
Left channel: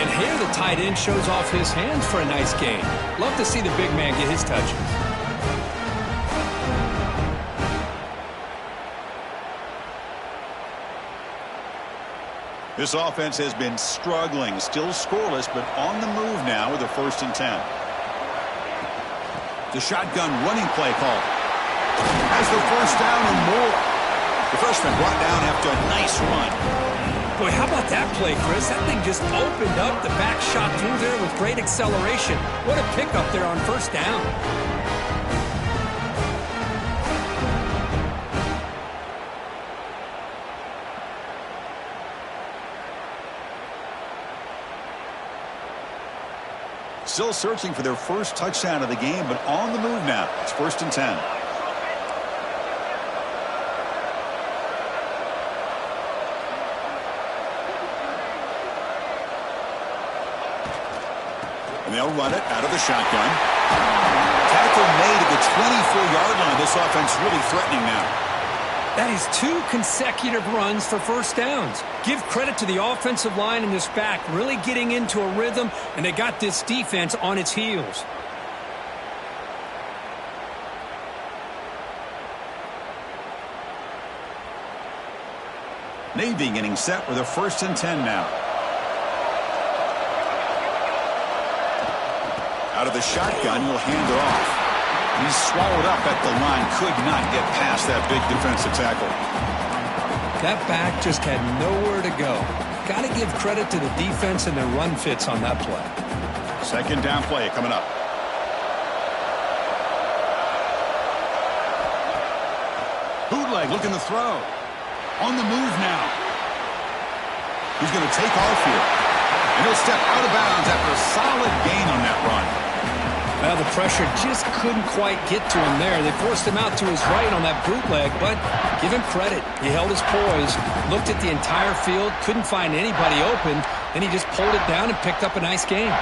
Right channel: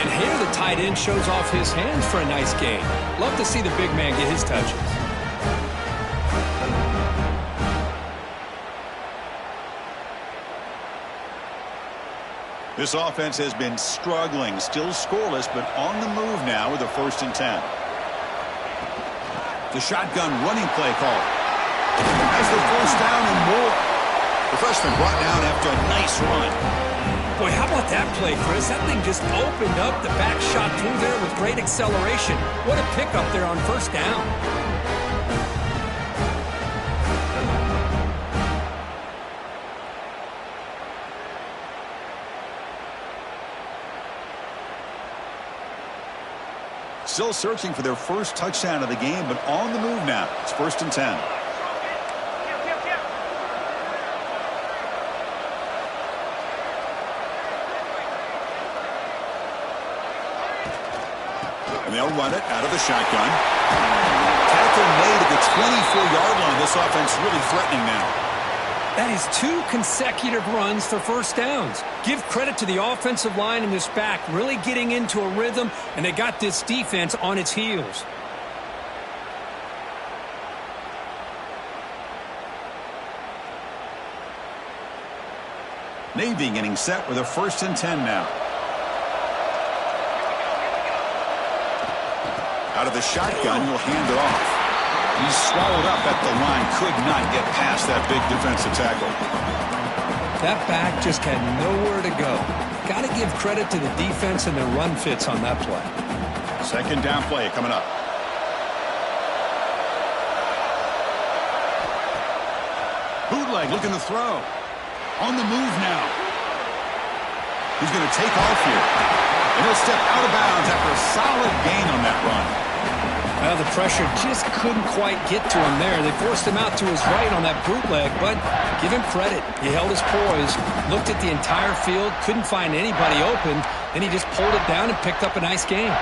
And here the tight end shows off his hands for a nice gain. Love to see the big man get his touches. This offense has been struggling, still scoreless, but on the move now with a 1st and 10. The shotgun running play call. Has the first down and more. The freshman brought down after a nice run. Boy, how about that play, Chris? That thing just opened up. The back shot through there with great acceleration. What a pickup there on first down. Still searching for their first touchdown of the game, but on the move now. It's 1st and 10. And they'll run it out of the shotgun. Tackle made at the 24-yard line. This offense really threatening now. That is 2 consecutive runs for first downs. Give credit to the offensive line and this back really getting into a rhythm, and they got this defense on its heels. Navy getting set with a 1st and 10 now. Out of the shotgun, he'll hand it off. He's swallowed up at the line, could not get past that big defensive tackle. That back just had nowhere to go. Got to give credit to the defense and their run fits on that play. 2nd down play coming up. Bootleg looking to throw. On the move now. He's going to take off here. And he'll step out of bounds after a solid gain on that run. Well, the pressure just couldn't quite get to him there. They forced him out to his right on that bootleg, but give him credit. He held his poise, looked at the entire field, couldn't find anybody open, then he just pulled it down and picked up a nice gain.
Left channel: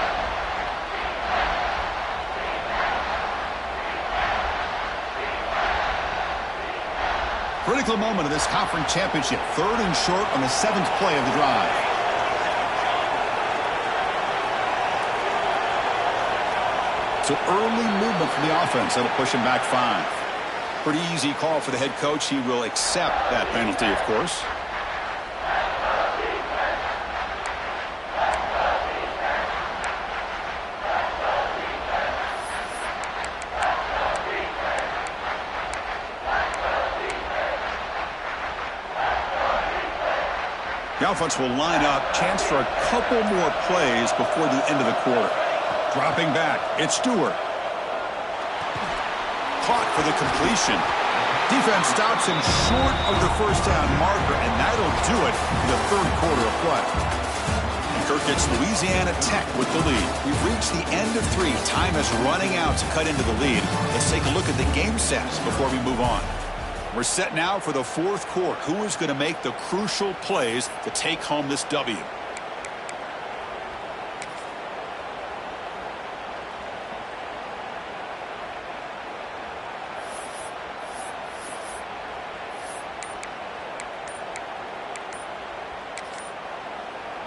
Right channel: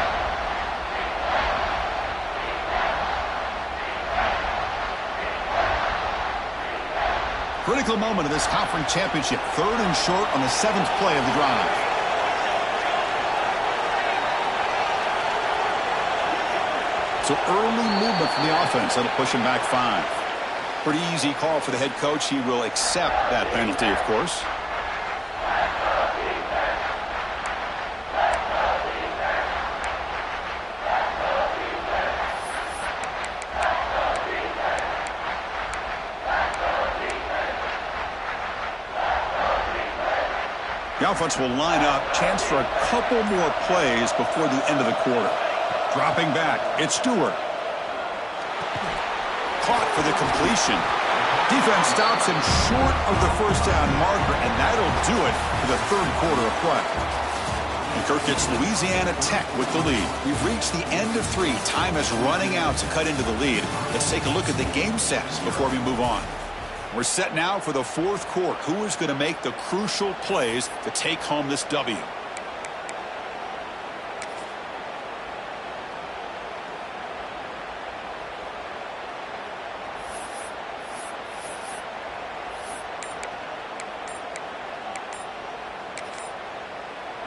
Critical moment of this conference championship. 3rd and short on the 7th play of the drive. So early movement from the offense. That'll push him back 5. Pretty easy call for the head coach. He will accept that penalty, of course. The offense will line up. Chance for a couple more plays before the end of the quarter. Dropping back, it's Stewart. Caught for the completion. Defense stops him short of the 1st down marker, and that'll do it for the 3rd quarter of play. And Kirk gets Louisiana Tech with the lead. We've reached the end of 3. Time is running out to cut into the lead. Let's take a look at the game stats before we move on. We're set now for the 4th quarter. Who is going to make the crucial plays to take home this W?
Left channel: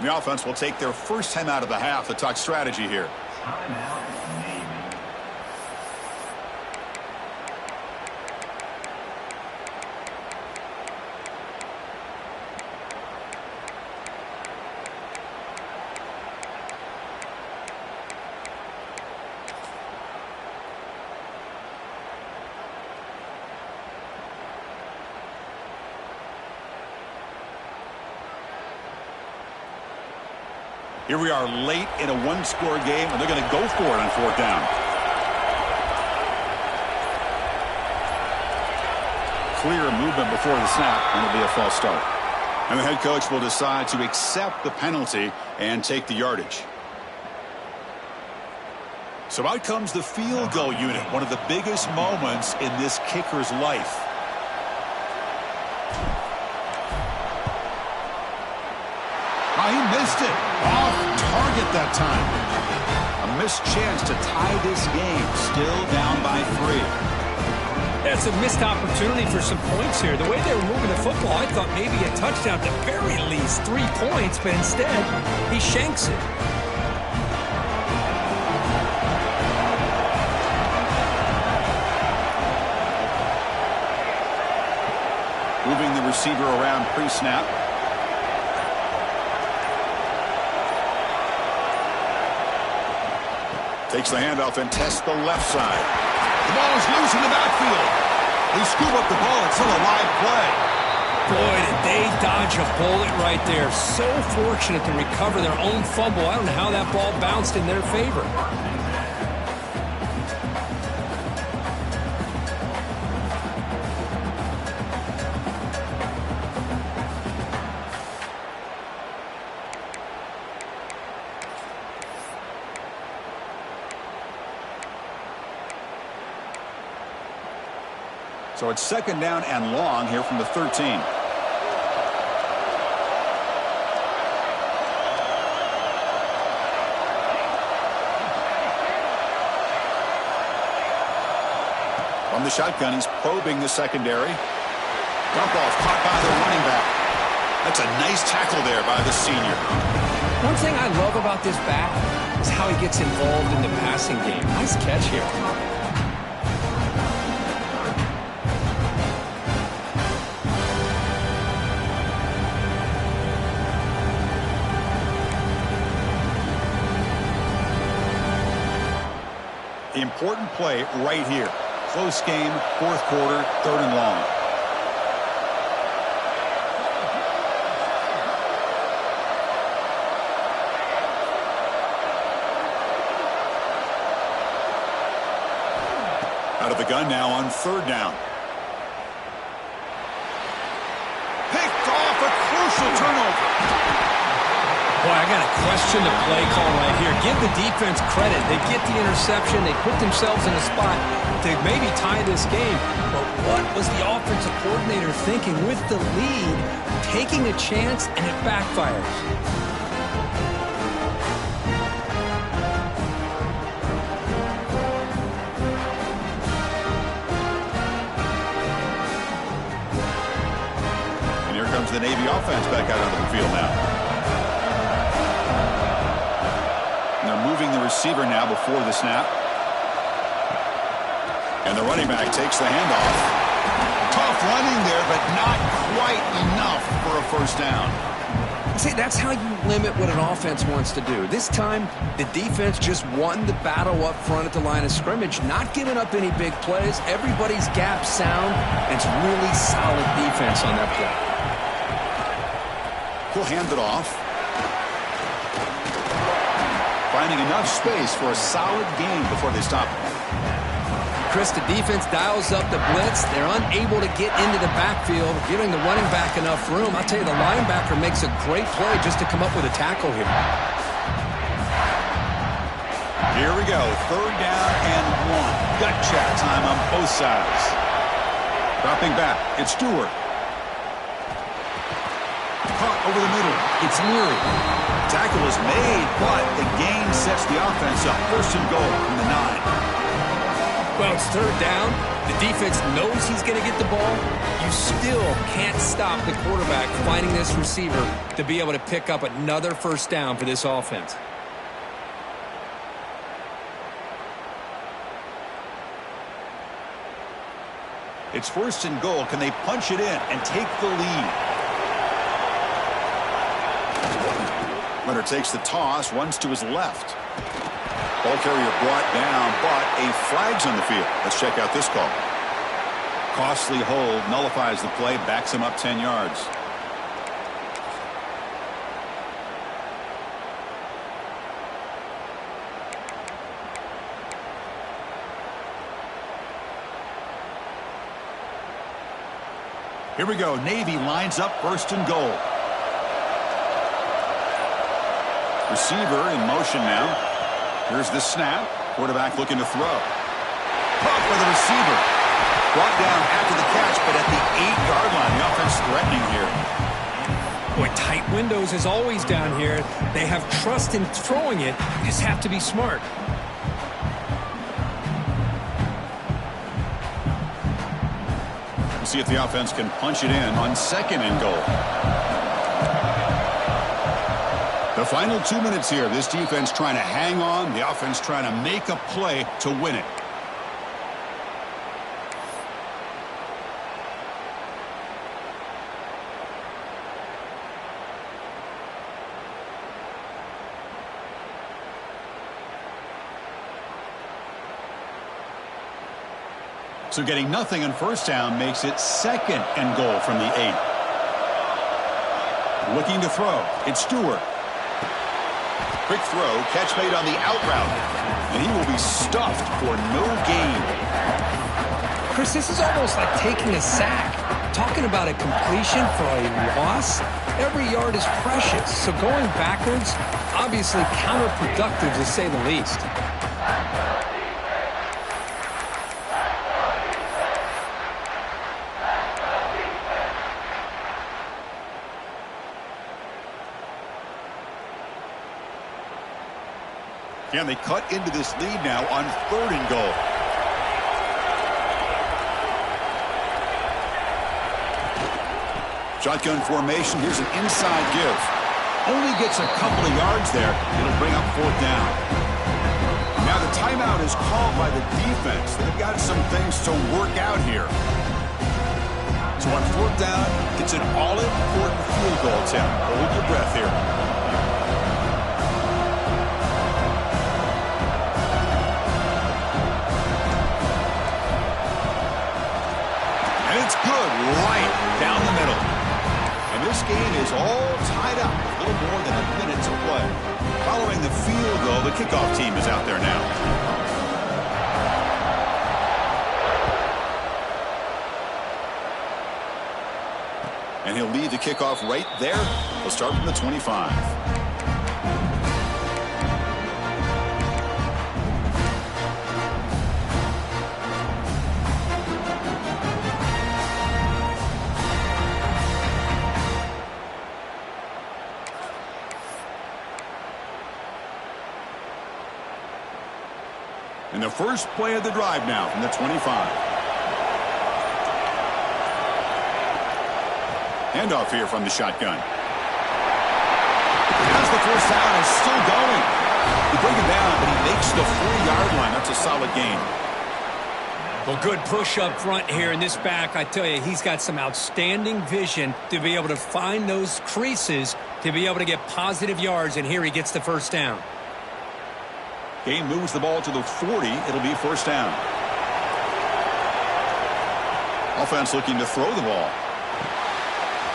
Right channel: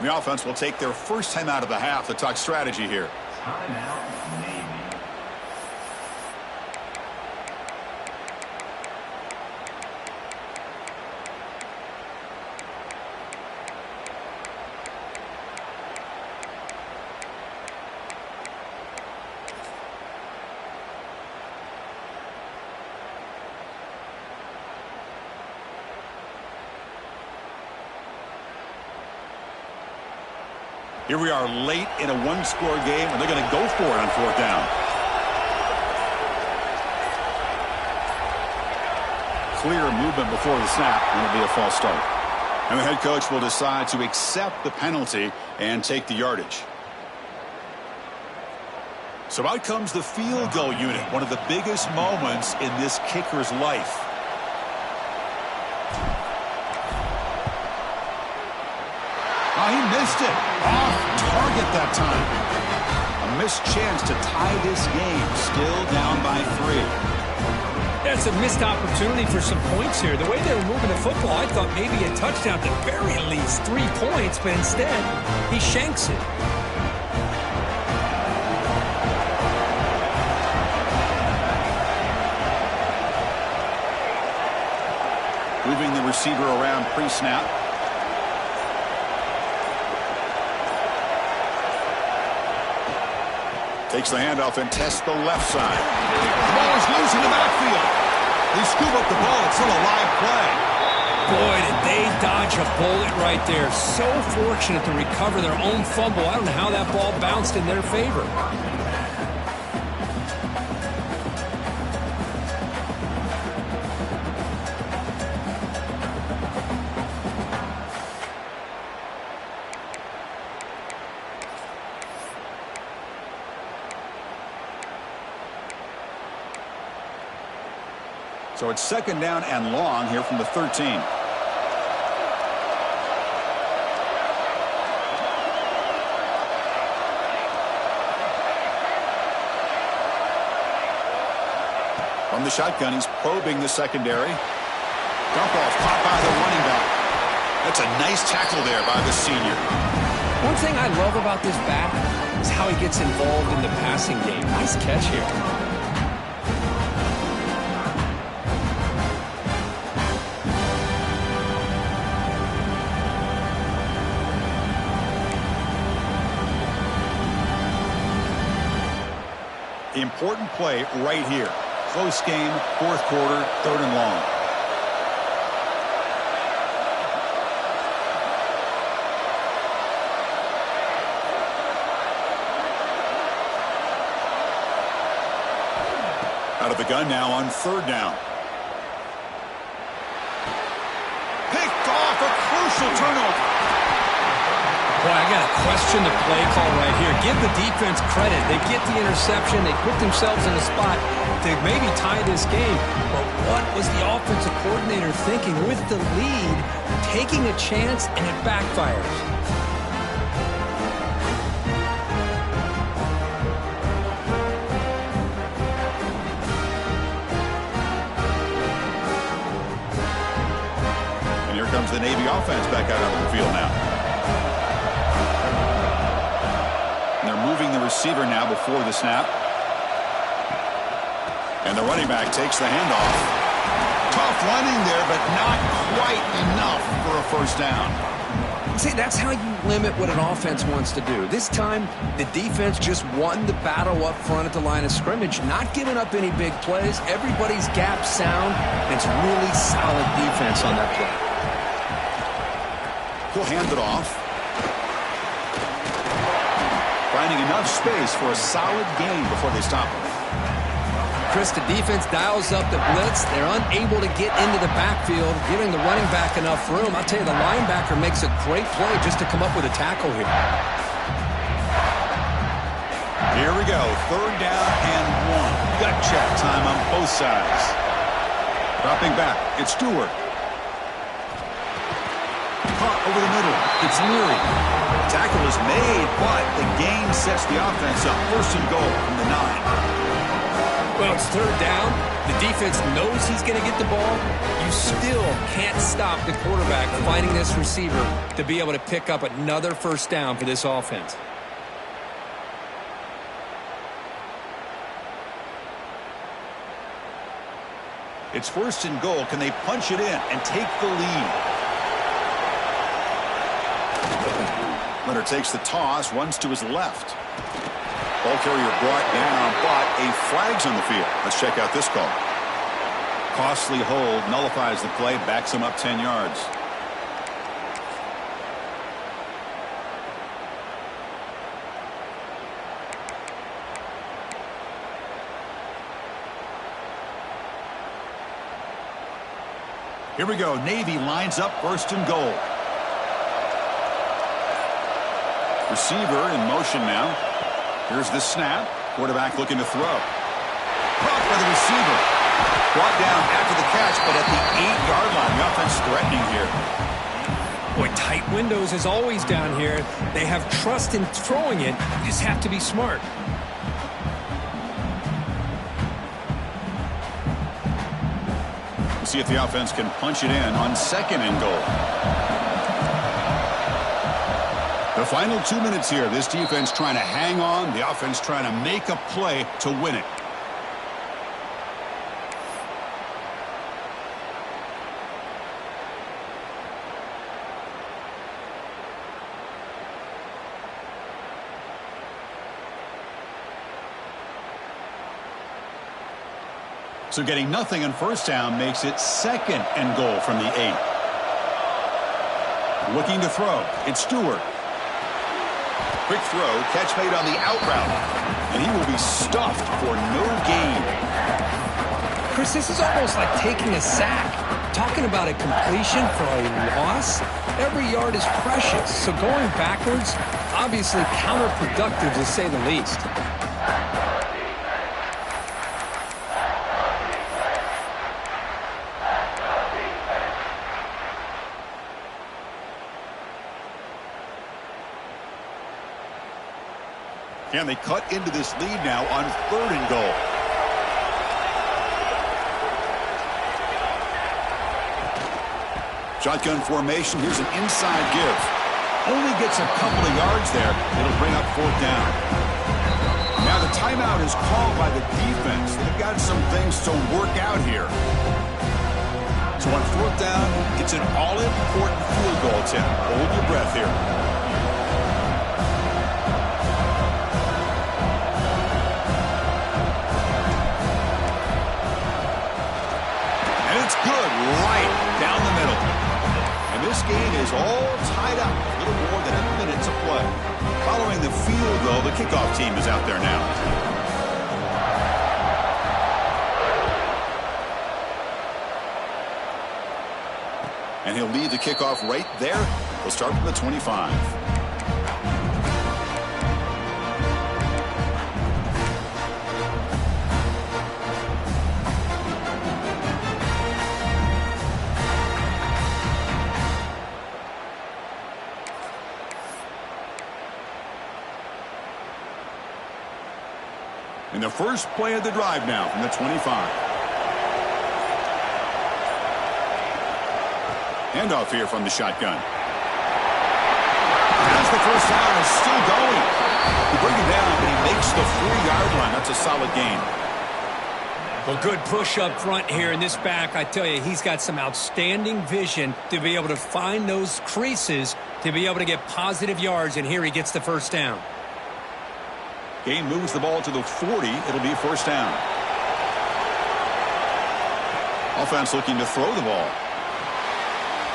The offense will take their first time out of the half to talk strategy here. Timeout, Navy. Here we are late in a 1-score game, and they're going to go for it on 4th down. Clear movement before the snap, and it'll be a false start. And the head coach will decide to accept the penalty and take the yardage. So out comes the field goal unit, one of the biggest moments in this kicker's life. Oh, he missed it. Off target that time. A missed chance to tie this game. Still down by 3. That's a missed opportunity for some points here. The way they were moving the football, I thought maybe a touchdown, at the very least 3 points, but instead, he shanks it. Moving the receiver around pre-snap. Takes the handoff and tests the left side. The ball is loose in the backfield. They scoop up the ball. It's still a live play. Boy, did they dodge a bullet right there. So fortunate to recover their own fumble. I don't know how that ball bounced in their favor. So it's 2nd down and long here from the 13. From the shotgun, he's probing the secondary. Dump off caught by the running back. That's a nice tackle there by the senior. One thing I love about this back is how he gets involved in the passing game. Nice catch here. Important play right here. Close game, fourth quarter, 3rd and long. Out of the gun now on 3rd down. Picked off, a crucial turnover. Boy, I got to question the play call right here. Give the defense credit. They get the interception. They put themselves in a spot to maybe tie this game. But what was the offensive coordinator thinking with the lead, taking a chance, and it backfires? And here comes the Navy offense back out onto the field now. And they're moving the receiver now before the snap. And the running back takes the handoff. Tough running there, but not quite enough for a first down. See, that's how you limit what an offense wants to do. This time, the defense just won the battle up front at the line of scrimmage, not giving up any big plays. Everybody's gap sound, and it's really solid defense on that play. He'll hand it off. Finding enough space for a solid gain before they stop him. Chris, the defense dials up the blitz. They're unable to get into the backfield, giving the running back enough room. I'll tell you, the linebacker makes a great play just to come up with a tackle here. Here we go. 3rd down and 1. Gut check time on both sides. Dropping back. It's Stewart. Caught over the middle. It's Leary. Tackle is made, but the gain sets the offense up. 1st and goal from the 9. Well, it's 3rd down. The defense knows he's going to get the ball. You still can't stop the quarterback finding this receiver to be able to pick up another first down for this offense. It's 1st and goal. Can they punch it in and take the lead? Leonard takes the toss, runs to his left. Ball carrier brought down, but a flag's on the field. Let's check out this call. Costly hold, nullifies the play, backs him up 10 yards. Here we go. Navy lines up 1st and goal. Receiver in motion now. Here's the snap. Quarterback looking to throw. Caught by the receiver. Brought down after the catch, but at the 8-yard line. The offense threatening here. Boy, tight windows is always down here. They have trust in throwing it. You just have to be smart. We'll see if the offense can punch it in on 2nd and goal. The final 2 minutes here. This defense trying to hang on. The offense trying to make a play to win it. So getting nothing on 1st down makes it 2nd and goal from the 8. Looking to throw. It's Stewart. Quick throw, catch made on the out route. And he will be stuffed for no gain. Chris, this is almost like taking a sack. Talking about a completion for a loss, every yard is precious. So going backwards, obviously counterproductive to say the least. Can they cut into this lead now on 3rd and goal? Shotgun formation. Here's an inside give. Only gets a couple of yards there. It'll bring up 4th down. Now the timeout is called by the defense. They've got some things to work out here. So on 4th down, it's an all-important field goal attempt. Hold your breath here. And it's good right down the middle. And this game is all tied up. A little more than a minute to play. Following the field goal, the kickoff team is out there now. And he'll lead the kickoff right there. He'll start from the 25. And the first play of the drive now from the 25. Handoff here from the shotgun. As the first down is still going. They bring him down, but he makes the 3-yard line. That's a solid gain. Well, good push up front here in this back. I tell you, he's got some outstanding vision to be able to find those creases to be able to get positive yards, and here he gets the first down. Game moves the ball to the 40. It'll be 1st down. Offense looking to throw the ball.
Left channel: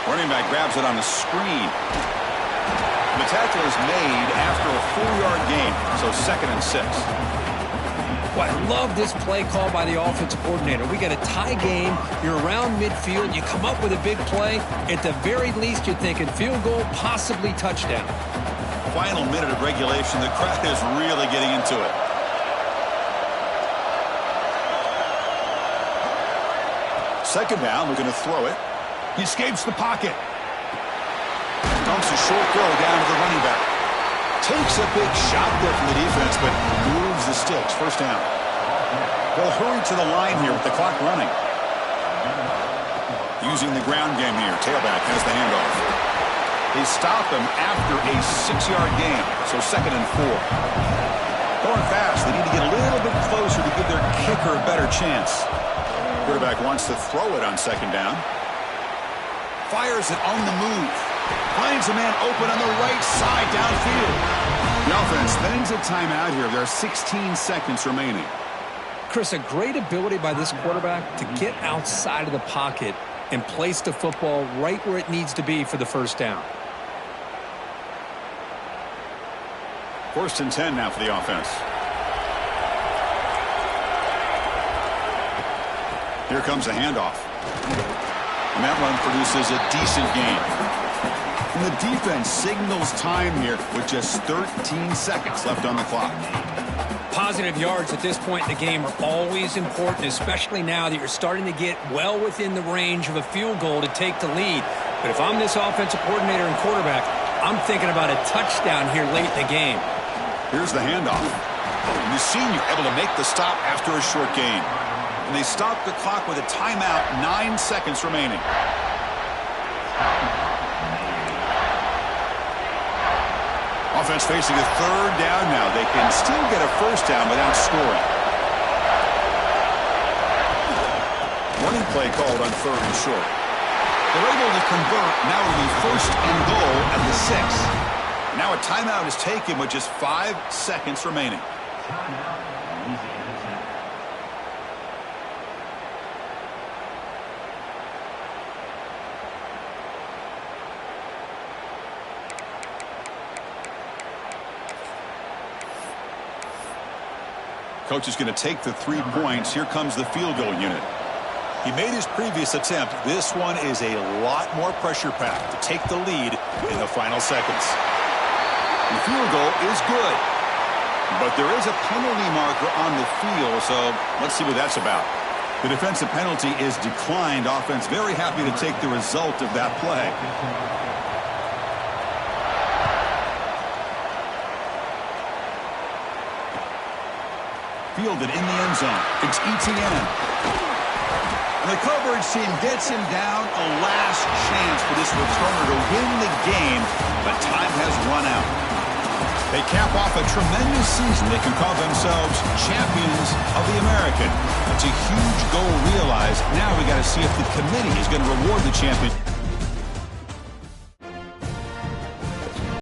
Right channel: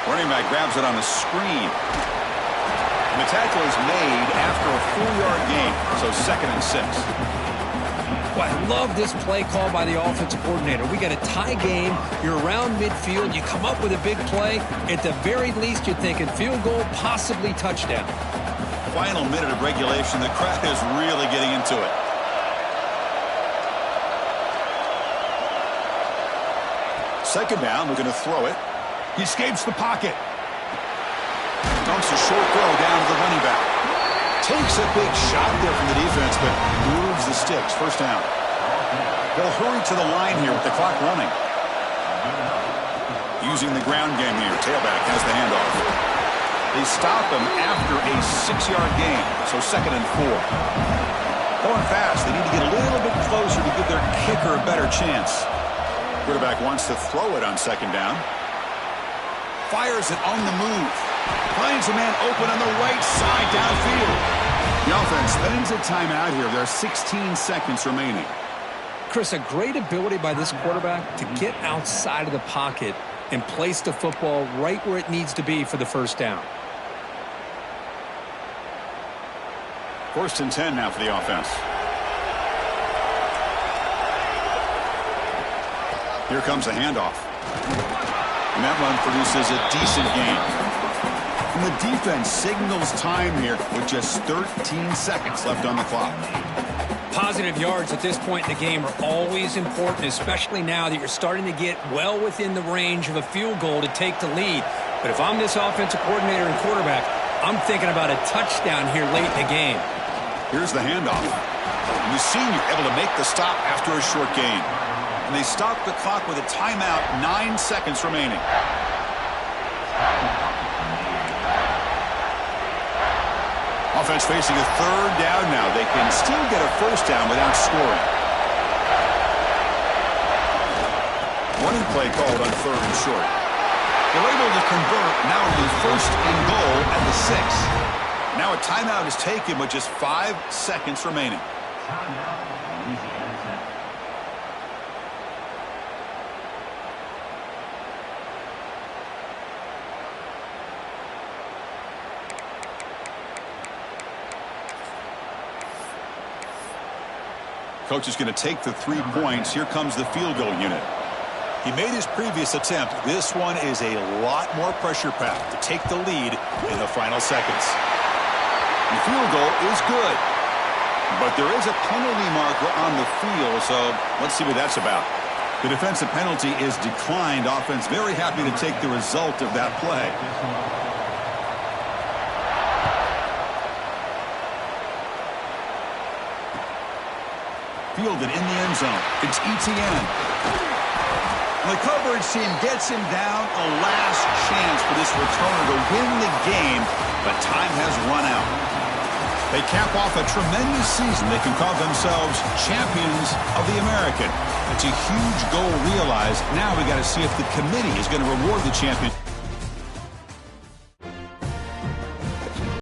Running back grabs it on a screen. And the tackle is made after a 4-yard gain, so 2nd and 6. Well, I love this play call by the offensive coordinator. We got a tie game. You're around midfield. You come up with a big play. At the very least, you're thinking field goal, possibly touchdown. Final minute of regulation. The crowd is really getting into it. Second down, looking to throw it. He escapes the pocket. Dumps a short throw down to the running back. Takes a big shot there from the defense, but moves the sticks. 1st down. They'll hurry to the line here with the clock running. Using the ground game here. Tailback has the handoff. They stop him after a 6-yard gain, so 2nd and 4. Going fast. They need to get a little bit closer to give their kicker a better chance. Quarterback wants to throw it on 2nd down. Fires it on the move. Finds a man open on the right side downfield. The offense spends a timeout here. There are 16 seconds remaining. Chris, a great ability by this quarterback to get outside of the pocket and place the football right where it needs to be for the 1st down. 1st and 10 now for the offense. Here comes a handoff. And that run produces a decent gain. And the defense signals time here with just 13 seconds left on the clock. Positive yards at this point in the game are always important, especially now that you're starting to get well within the range of a field goal to take the lead. But if I'm this offensive coordinator and quarterback, I'm thinking about a touchdown here late in the game. Here's the handoff. And the senior able to make the stop after a short gain. And they stop the clock with a timeout, 9 seconds remaining. Offense facing a 3rd down now. They can still get a 1st down without scoring. Running play called on 3rd and short. They're able to convert. Now it'll be 1st and goal at the 6. Now a timeout is taken with just 5 seconds remaining. Coach is going to take the 3 points. Here comes the field goal unit. He made his previous attempt. This one is a lot more pressure packed to take the lead in the final seconds. The field goal is good, but there is a penalty marker on the field, so let's see what that's about. The defensive penalty is declined. Offense very happy to take the result of that play. Fielded in the end zone. It's ETN. And the coverage team gets him down a last chance for this returner to win the game, but time has run out. They cap off a tremendous season. They can call themselves champions of the American. It's a huge goal realized. Now we got to see if the committee is going to reward the champion.